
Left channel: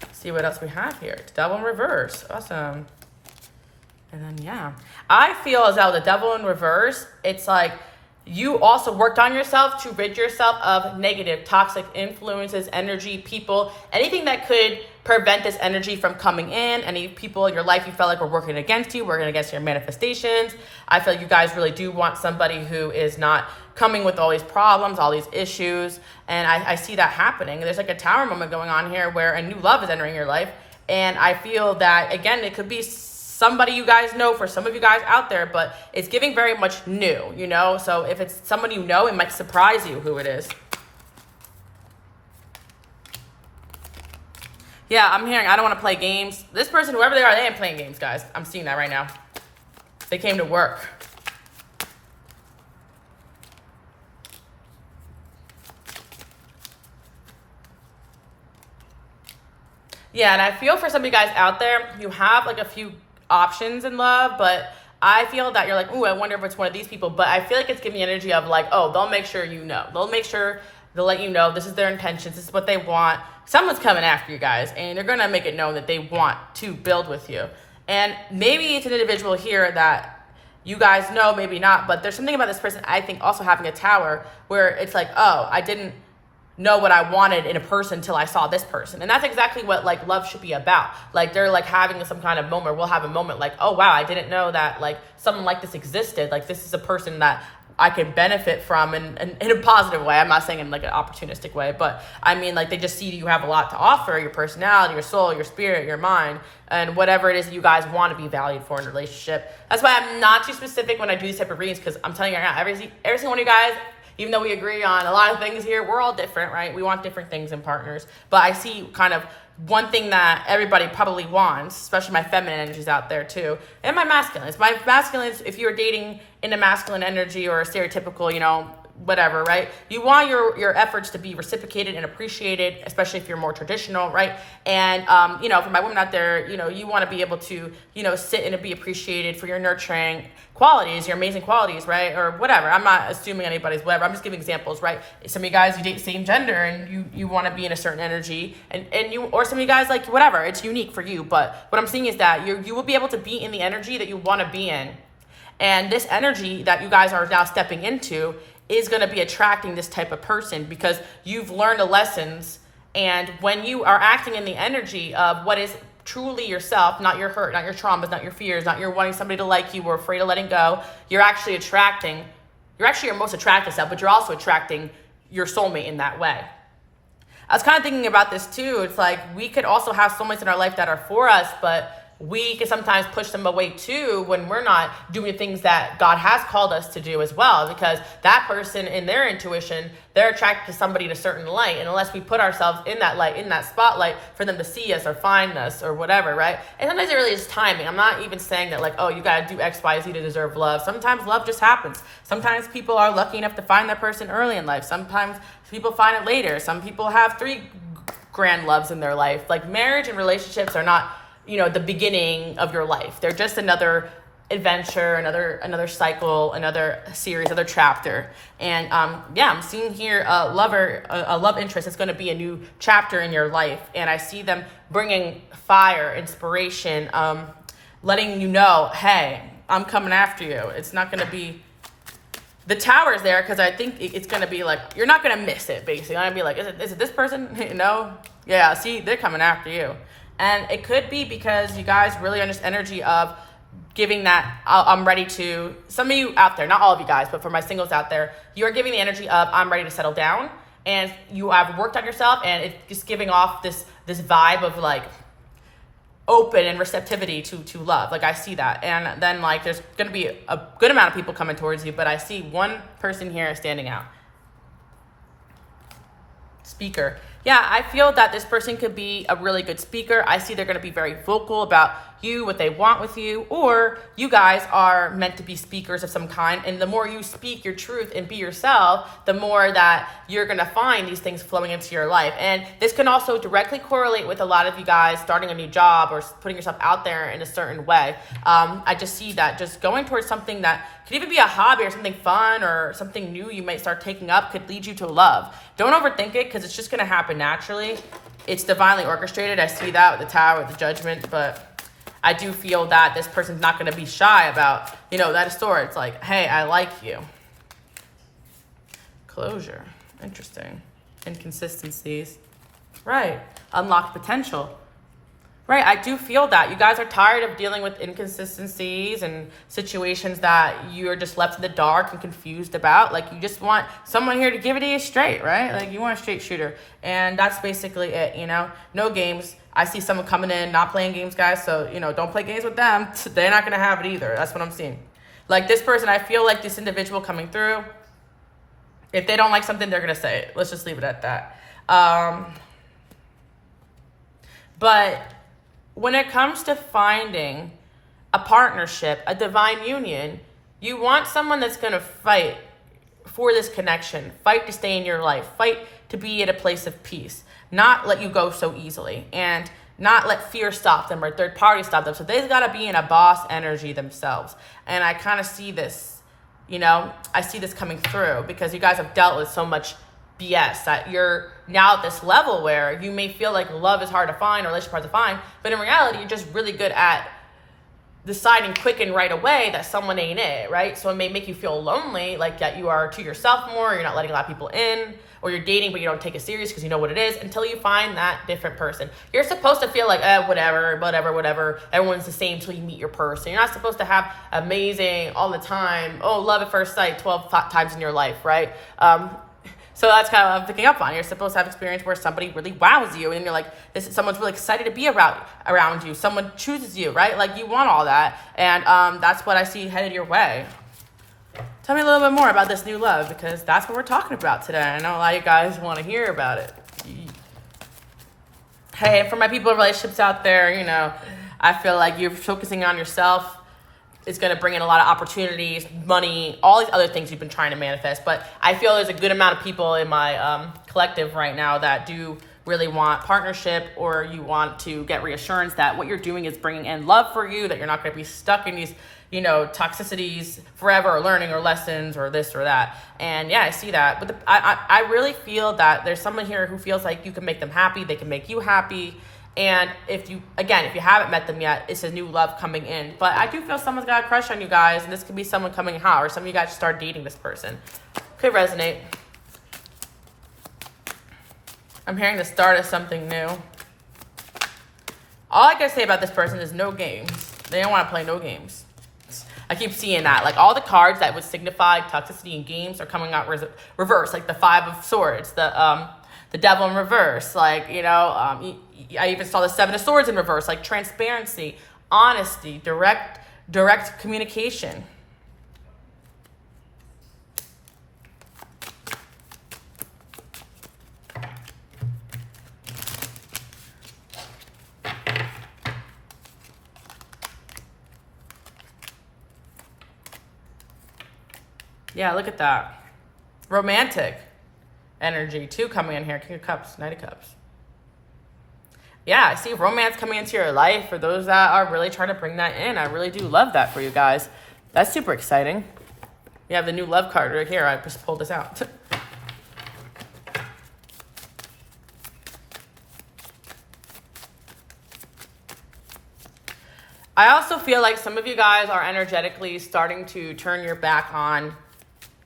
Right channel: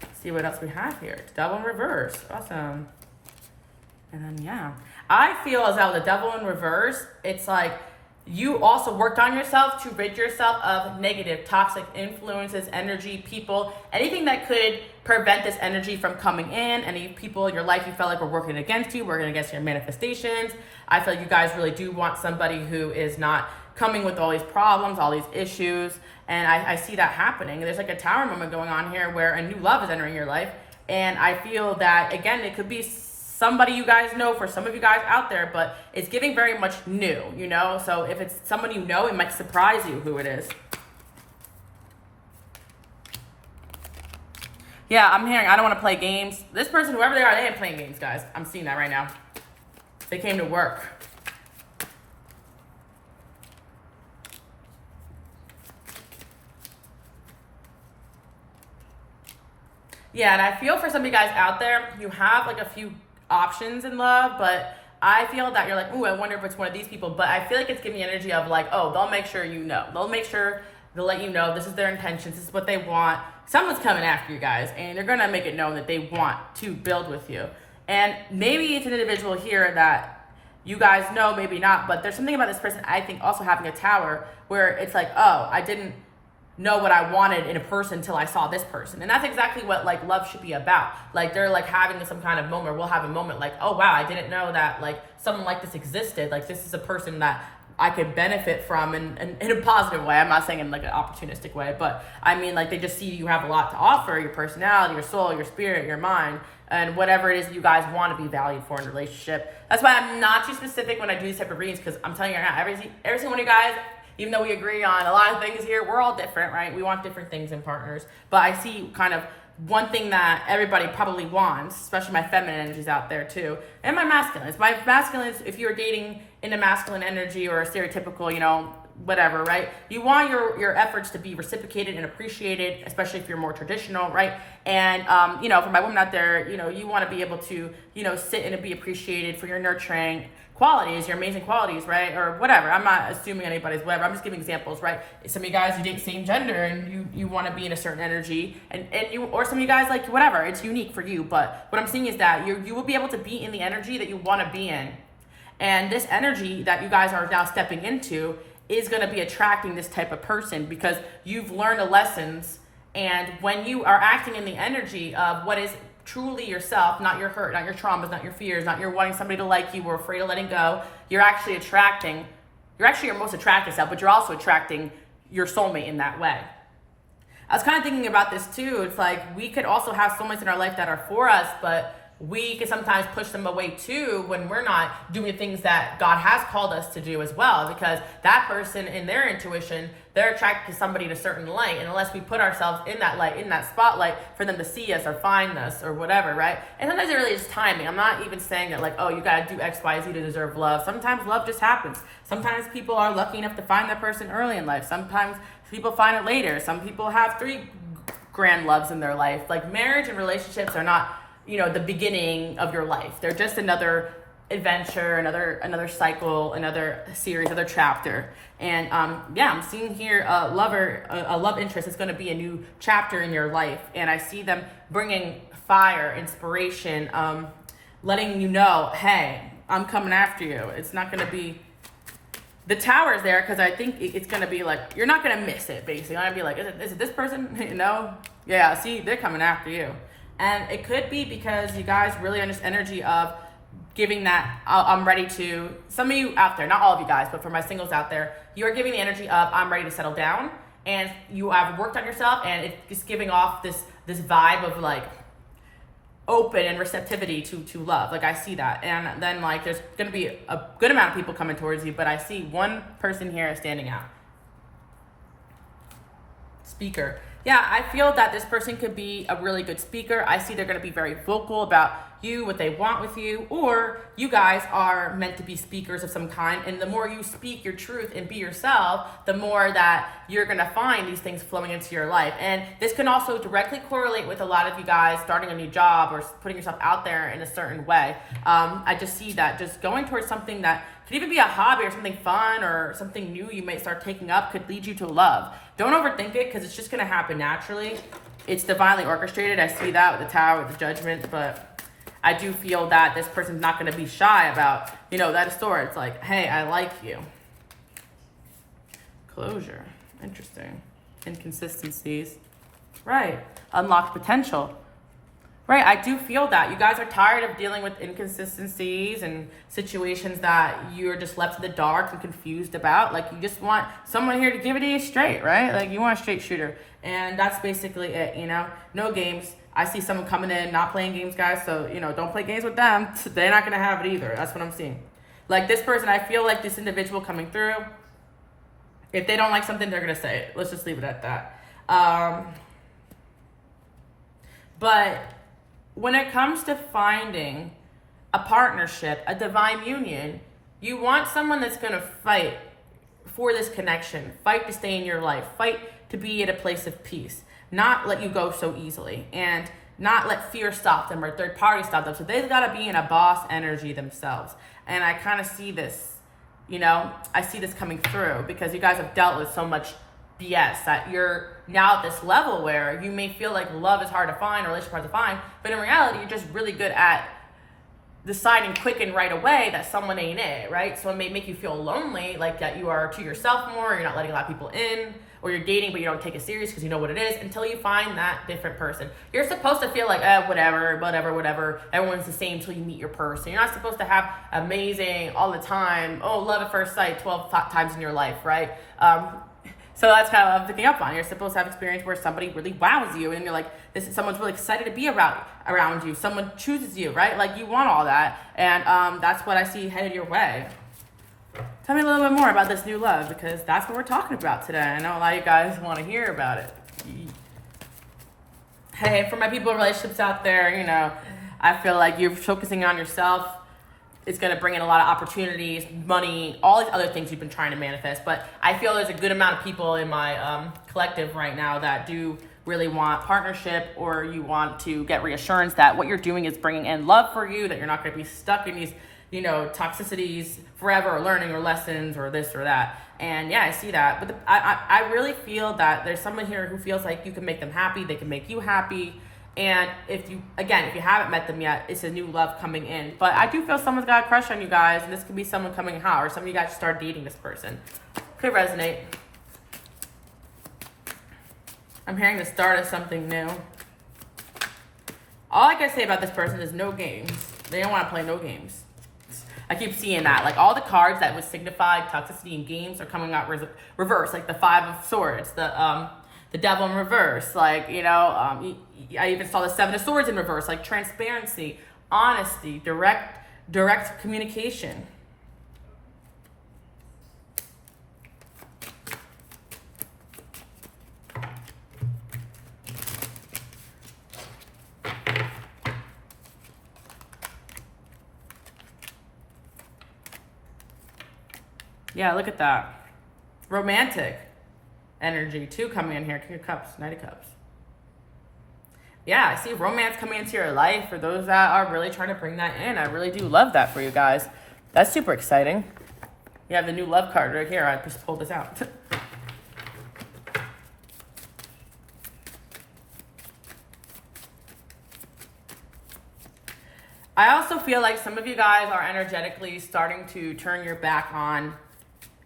Let's see what else we have here. Devil in reverse. Awesome. And then, yeah, I feel as though the Devil in reverse, it's like you also worked on yourself to rid yourself of negative, toxic influences, energy, people, anything that could prevent this energy from coming in. Any people in your life you felt like were working against you, working against your manifestations. I feel like you guys really do want somebody who is not coming with all these problems, all these issues. And I see that happening. There's like a tower moment going on here where a new love is entering your life. And I feel that, again, it could be somebody you guys know for some of you guys out there, but it's giving very much new, So if it's someone you know, it might surprise you who it is. Yeah, I'm hearing I don't want to play games. This person, whoever they are, they ain't playing games, guys. I'm seeing that right now. They came to work. Yeah, and I feel for some of you guys out there, you have like a few options in love, but I feel that you're like, ooh, I wonder if it's one of these people. But I feel like it's giving the energy of like, oh, they'll make sure you know. They'll make sure they'll let you know this is their intentions, this is what they want. Someone's coming after you guys, and they're gonna make it known that they want to build with you. And maybe it's an individual here that you guys know, maybe not, but there's something about this person, I think, also having a tower where it's like, oh, I didn't know what I wanted in a person until I saw this person. And that's exactly what like love should be about. Like they're like having some kind of moment. We'll have a moment like, oh wow, I didn't know that like someone like this existed. Like this is a person that I could benefit from in a positive way. I'm not saying in like an opportunistic way, but I mean like they just see you have a lot to offer, your personality, your soul, your spirit, your mind, and whatever it is that you guys want to be valued for in a relationship. That's why I'm not too specific when I do these type of readings, because I'm telling you right now, every single one of you guys, even though we agree on a lot of things here, we're all different, right? We want different things in partners. But I see kind of one thing that everybody probably wants, especially my feminine energies out there too, and my masculines. My masculines, if you're dating in a masculine energy or a stereotypical, whatever, right? You want your efforts to be reciprocated and appreciated, especially if you're more traditional, right? And, for my women out there, you want to be able to, sit and be appreciated for your nurturing qualities, your amazing qualities, right? Or whatever. I'm not assuming anybody's whatever. I'm just giving examples, right? Some of you guys, you date the same gender and you want to be in a certain energy and you, or some of you guys like whatever, it's unique for you. But what I'm seeing is that you will be able to be in the energy that you want to be in. And this energy that you guys are now stepping into is going to be attracting this type of person because you've learned the lessons. And when you are acting in the energy of what is truly yourself, not your hurt, not your traumas, not your fears, not your wanting somebody to like you or afraid of letting go, you're actually your most attractive self, but you're also attracting your soulmate in that way. I was kind of thinking about this too. It's like we could also have soulmates in our life that are for us, but we can sometimes push them away too when we're not doing the things that God has called us to do as well, because that person in their intuition, they're attracted to somebody in a certain light. And unless we put ourselves in that light, in that spotlight for them to see us or find us or whatever, right? And sometimes it really is timing. I'm not even saying that like, oh, you got to do X, Y, Z to deserve love. Sometimes love just happens. Sometimes people are lucky enough to find that person early in life. Sometimes people find it later. Some people have 3 grand loves in their life. Like marriage and relationships are not, the beginning of your life. They're just another adventure, another cycle, another series, another chapter. And I'm seeing here a love interest is going to be a new chapter in your life. And I see them bringing fire, inspiration, letting you know, hey, I'm coming after you. It's not going to be the tower's there because I think it's going to be like, you're not going to miss it, basically. I'm going to be like, is it this person? No? Yeah, see, they're coming after you. And it could be because you guys really are in this energy of giving that, I'm ready to, some of you out there, not all of you guys, but for my singles out there, you are giving the energy of, I'm ready to settle down. And you have worked on yourself and it's just giving off this vibe of like, open and receptivity to love. Like I see that. And then like there's going to be a good amount of people coming towards you, but I see one person here standing out. Speaker. Yeah, I feel that this person could be a really good speaker. I see they're going to be very vocal about you, what they want with you, or you guys are meant to be speakers of some kind. And the more you speak your truth and be yourself, the more that you're going to find these things flowing into your life. And this can also directly correlate with a lot of you guys starting a new job or putting yourself out there in a certain way. I just see that just going towards something that could even be a hobby or something fun or something new you might start taking up could lead you to love. Don't overthink it because it's just going to happen naturally. It's divinely orchestrated. I see that with the Tower, with the Judgment, but I do feel that this person's not going to be shy about, that is Swords. Like, hey, I like you. Closure. Interesting. Inconsistencies. Right. Unlocked potential. Right. I do feel that. You guys are tired of dealing with inconsistencies and situations that you're just left in the dark and confused about. Like, you just want someone here to give it to you straight, right? Like, you want a straight shooter. And that's basically it, No games. I see someone coming in, not playing games, guys. So, don't play games with them. They're not going to have it either. That's what I'm seeing. Like, this person, I feel like this individual coming through, if they don't like something, they're going to say it. Let's just leave it at that. But when it comes to finding a partnership, a divine union, you want someone that's going to fight for this connection, fight to stay in your life, fight to be at a place of peace, not let you go so easily, and not let fear stop them or third party stop them. So they've got to be in a boss energy themselves. And I kind of see this, I see this coming through because you guys have dealt with so much BS that you're now at this level where you may feel like love is hard to find or relationship hard to find, but in reality, you're just really good at deciding quick and right away that someone ain't it, right? So it may make you feel lonely, like that you are to yourself more, you're not letting a lot of people in, or you're dating but you don't take it serious because you know what it is until you find that different person. You're supposed to feel like, whatever, everyone's the same until you meet your person. You're not supposed to have amazing all the time, love at first sight 12 times in your life, right? So that's kind of what I'm picking up on. You're supposed to have experience where somebody really wows you and you're like, someone's really excited to be around you. Someone chooses you, right? Like, you want all that. And that's what I see headed your way. Tell me a little bit more about this new love because that's what we're talking about today. I know a lot of you guys want to hear about it. Hey, for my people in relationships out there, I feel like you're focusing on yourself. It's going to bring in a lot of opportunities, money, all these other things you've been trying to manifest. But I feel there's a good amount of people in my collective right now that do really want partnership, or you want to get reassurance that what you're doing is bringing in love for you, that you're not going to be stuck in these, toxicities forever, or learning or lessons or this or that. And yeah, I see that. But I really feel that there's someone here who feels like you can make them happy. They can make you happy. And if you haven't met them yet, it's a new love coming in. But I do feel someone's got a crush on you guys, and this could be someone coming hot, or some of you guys start dating this person. Could resonate. I'm hearing the start of something new. All I can say about this person is no games. They don't want to play no games. I keep seeing that. Like, all the cards that would signify toxicity in games are coming out reverse, like the Five of Swords, the Devil in reverse, like, I even saw the Seven of Swords in reverse, like transparency, honesty, direct communication. Yeah, look at that. Romantic energy too coming in here. King of Cups, Knight of Cups. Yeah, I see romance coming into your life for those that are really trying to bring that in. I really do love that for you guys. That's super exciting. You have the new love card right here. I just pulled this out. I also feel like some of you guys are energetically starting to turn your back on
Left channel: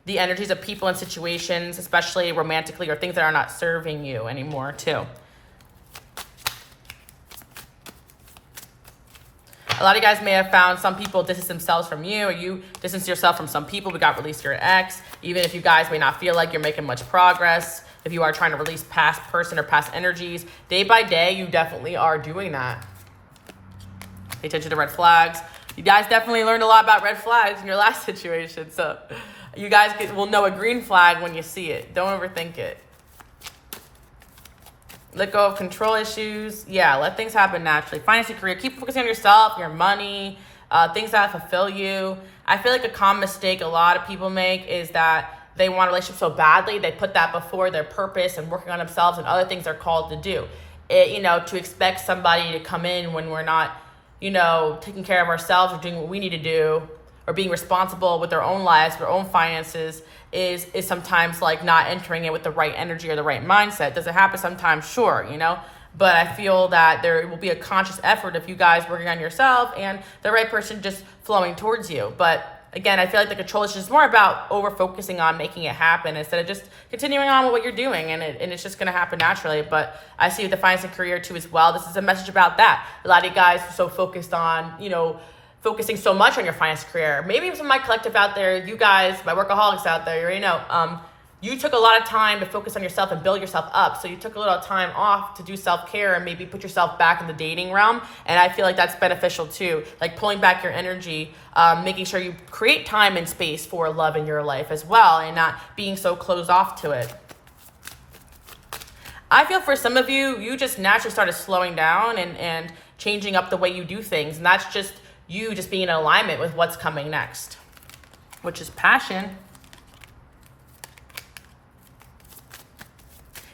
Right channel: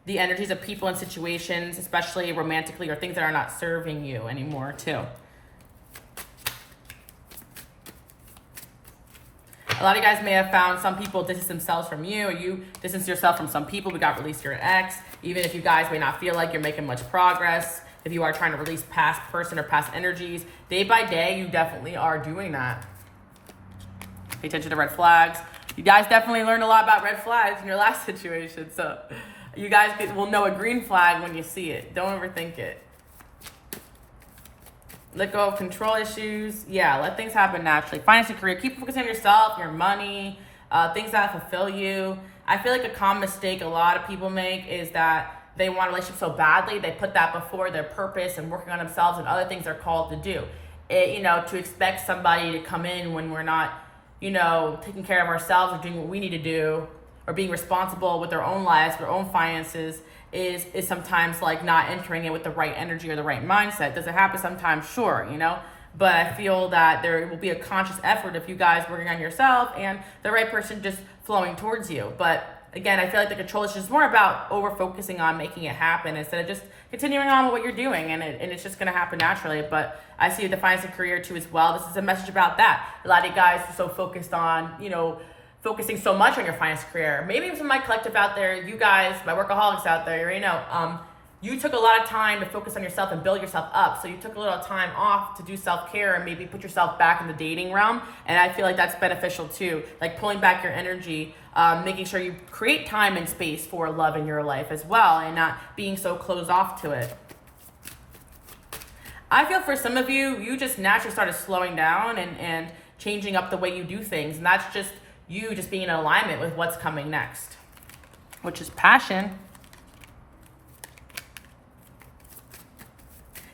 the energies of people and situations, especially romantically, or things that are not serving you anymore too. A lot of you guys may have found some people distance themselves from you, or you distance yourself from some people. We got released your ex. Even if you guys may not feel like you're making much progress, if you are trying to release past person or past energies, day by day, you definitely are doing that. Pay attention to red flags. You guys definitely learned a lot about red flags in your last situation. So you guys will know a green flag when you see it. Don't overthink it. Let go of control issues. Yeah, let things happen naturally. Finance and career. Keep focusing on yourself, your money, things that fulfill you. I feel like a common mistake a lot of people make is that they want a relationship so badly, they put that before their purpose and working on themselves and other things they're called to do. To expect somebody to come in when we're not, taking care of ourselves or doing what we need to do or being responsible with our own lives, our own finances, is sometimes like not entering it with the right energy or the right mindset. Does it happen sometimes? Sure, but I feel that there will be a conscious effort if you guys working on yourself and the right person just flowing towards you. But again, I feel like the control is just more about over focusing on making it happen instead of just continuing on with what you're doing, and it's just going to happen naturally. But I see the finance and career too as well. This is a message about that. A lot of you guys are so focused on, focusing so much on your finance career. Maybe some of my collective out there, you guys, my workaholics out there, you already know, you took a lot of time to focus on yourself and build yourself up. So you took a little time off to do self-care and maybe put yourself back in the dating realm. And I feel like that's beneficial too. Like pulling back your energy, making sure you create time and space for love in your life as well and not being so closed off to it. I feel for some of you, you just naturally started slowing down and changing up the way you do things. And that's just you just being in alignment with what's coming next, which is passion.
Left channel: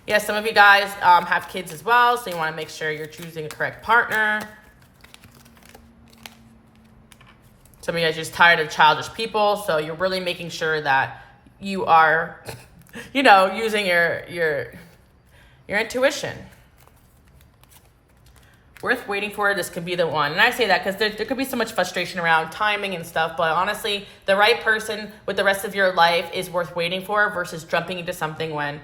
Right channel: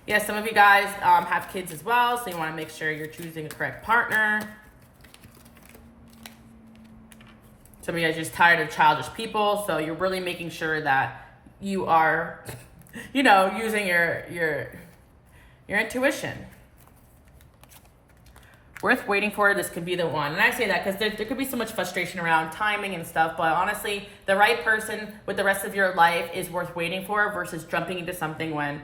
Yeah, some of you guys have kids as well, so you want to make sure you're choosing a correct partner. Some of you guys are just tired of childish people, so you're really making sure that you are, using your intuition. Worth waiting for, this could be the one. And I say that because there could be so much frustration around timing and stuff, but honestly, the right person with the rest of your life is worth waiting for versus jumping into something when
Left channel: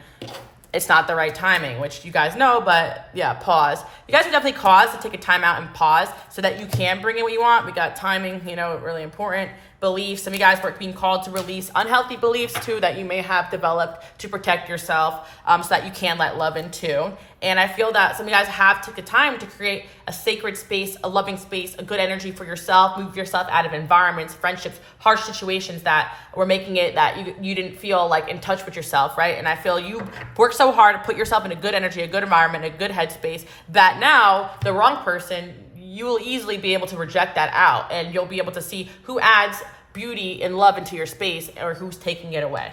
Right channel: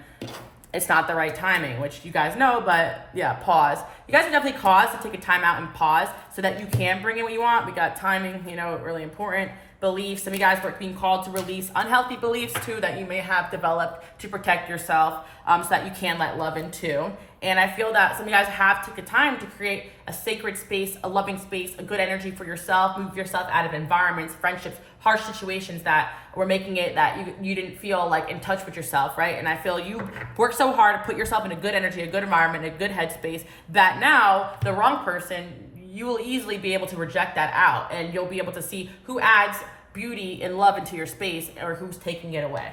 it's not the right timing, which you guys know, but yeah, pause. You guys can definitely pause to take a time out and pause so that you can bring in what you want. We got timing, really important. Beliefs. Some of you guys were being called to release unhealthy beliefs too that you may have developed to protect yourself so that you can let love in too. And I feel that some of you guys have to take the time to create a sacred space, a loving space, a good energy for yourself, move yourself out of environments, friendships, harsh situations that were making it that you didn't feel like in touch with yourself, right? And I feel you worked so hard to put yourself in a good energy, a good environment, a good headspace that now the wrong person, you will easily be able to reject that out and you'll be able to see who adds beauty and love into your space or who's taking it away.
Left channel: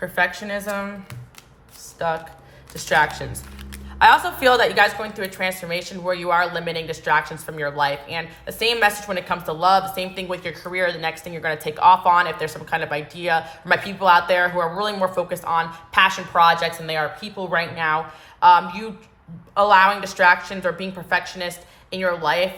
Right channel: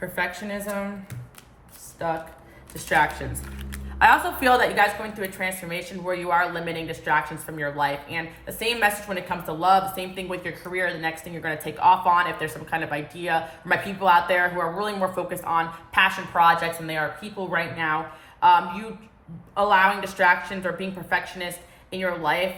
Perfectionism, stuck, distractions. I also feel that you guys are going through a transformation where you are limiting distractions from your life. And the same message when it comes to love, the same thing with your career, the next thing you're going to take off on, if there's some kind of idea. For my people out there who are really more focused on passion projects than they are people right now, you allowing distractions or being perfectionist in your life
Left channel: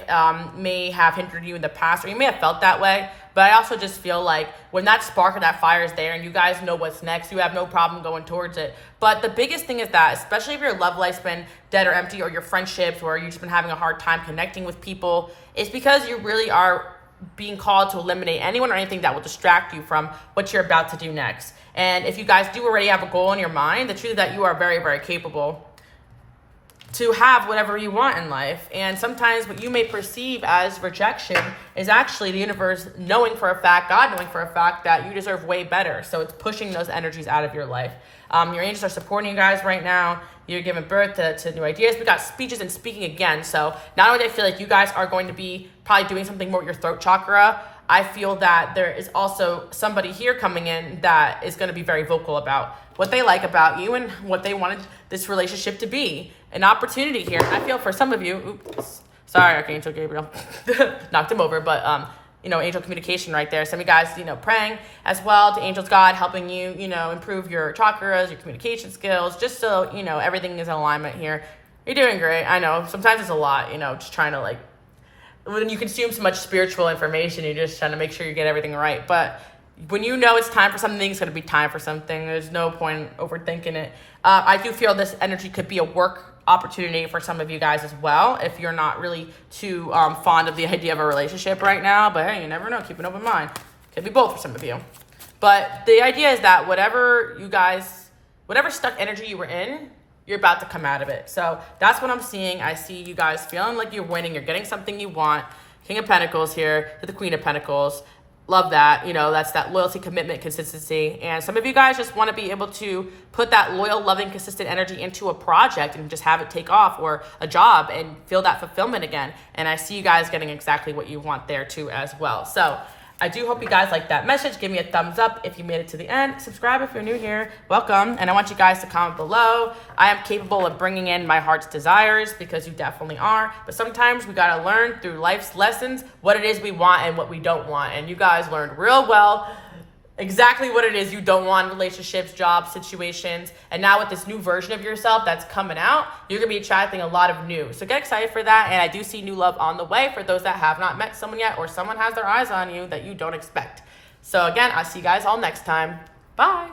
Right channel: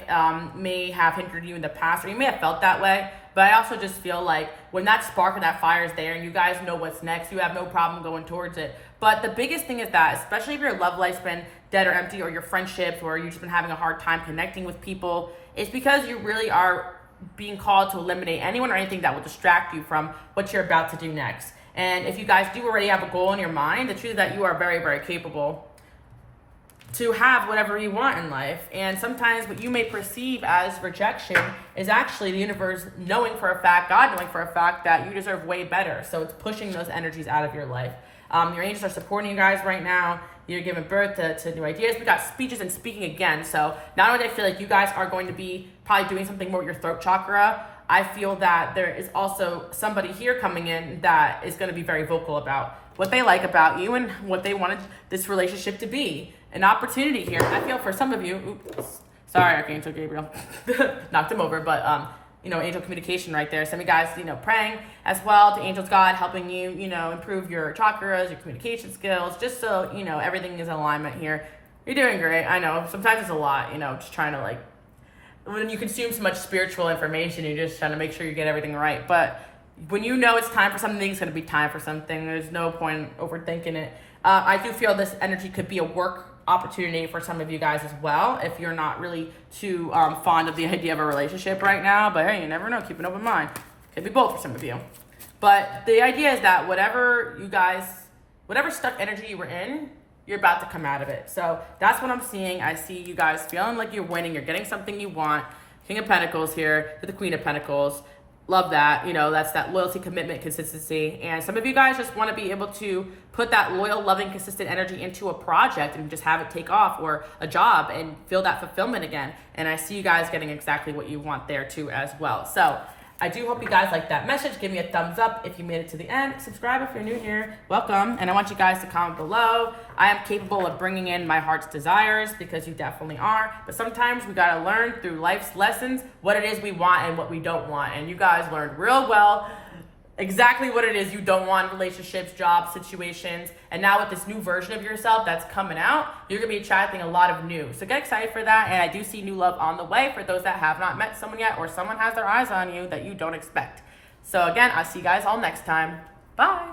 may have hindered you in the past, or you may have felt that way. But I also just feel like when that spark or that fire is there and you guys know what's next, you have no problem going towards it. But the biggest thing is that, especially if your love life's been dead or empty, or your friendships, or you've just been having a hard time connecting with people, it's because you really are being called to eliminate anyone or anything that will distract you from what you're about to do next. And if you guys do already have a goal in your mind, the truth is that you are very, very capable to have whatever you want in life. And sometimes what you may perceive as rejection is actually the universe knowing for a fact, God knowing for a fact that you deserve way better. So it's pushing those energies out of your life. Your angels are supporting you guys right now. You're giving birth to new ideas. We got speeches and speaking again. So not only do I feel like you guys are going to be probably doing something more with your throat chakra, I feel that there is also somebody here coming in that is going to be very vocal about what they like about you and what they wanted this relationship to be. An opportunity here. I feel for some of you, oops, sorry, Archangel Gabriel, knocked him over, but angel communication right there. Some of you guys, praying as well to angels, God, helping you, improve your chakras, your communication skills, just so, everything is in alignment here. You're doing great. I know sometimes it's a lot, just trying to when you consume so much spiritual information, you're just trying to make sure you get everything right. But when you know it's time for something, it's going to be time for something. There's no point in overthinking it. I do feel this energy could be a work opportunity for some of you guys as well, if you're not really too fond of the idea of a relationship right now. But hey, you never know. Keep an open mind. Could be both for some of you. But the idea is that whatever stuck energy you were in, you're about to come out of it. So that's what I'm seeing. I see you guys feeling like you're winning. You're getting something you want. King of Pentacles here to the Queen of Pentacles. Love that. That's that loyalty, commitment, consistency. And some of you guys just want to be able to put that loyal, loving, consistent energy into a project and just have it take off, or a job, and feel that fulfillment again. And I see you guys getting exactly what you want there too as well. So I do hope you guys like that message. Give me a thumbs up if you made it to the end. Subscribe if you're new here. Welcome. And I want you guys to comment below. I am capable of bringing in my heart's desires, because you definitely are. But sometimes we got to learn through life's lessons what it is we want and what we don't want. And you guys learned real well exactly what it is you don't want in relationships, jobs, situations. And now with this new version of yourself that's coming out, you're going to be attracting a lot of new. So get excited for that. And I do see new love on the way for those that have not met someone yet, or someone has their eyes on you that you don't expect. So again, I'll see you guys all next time. Bye.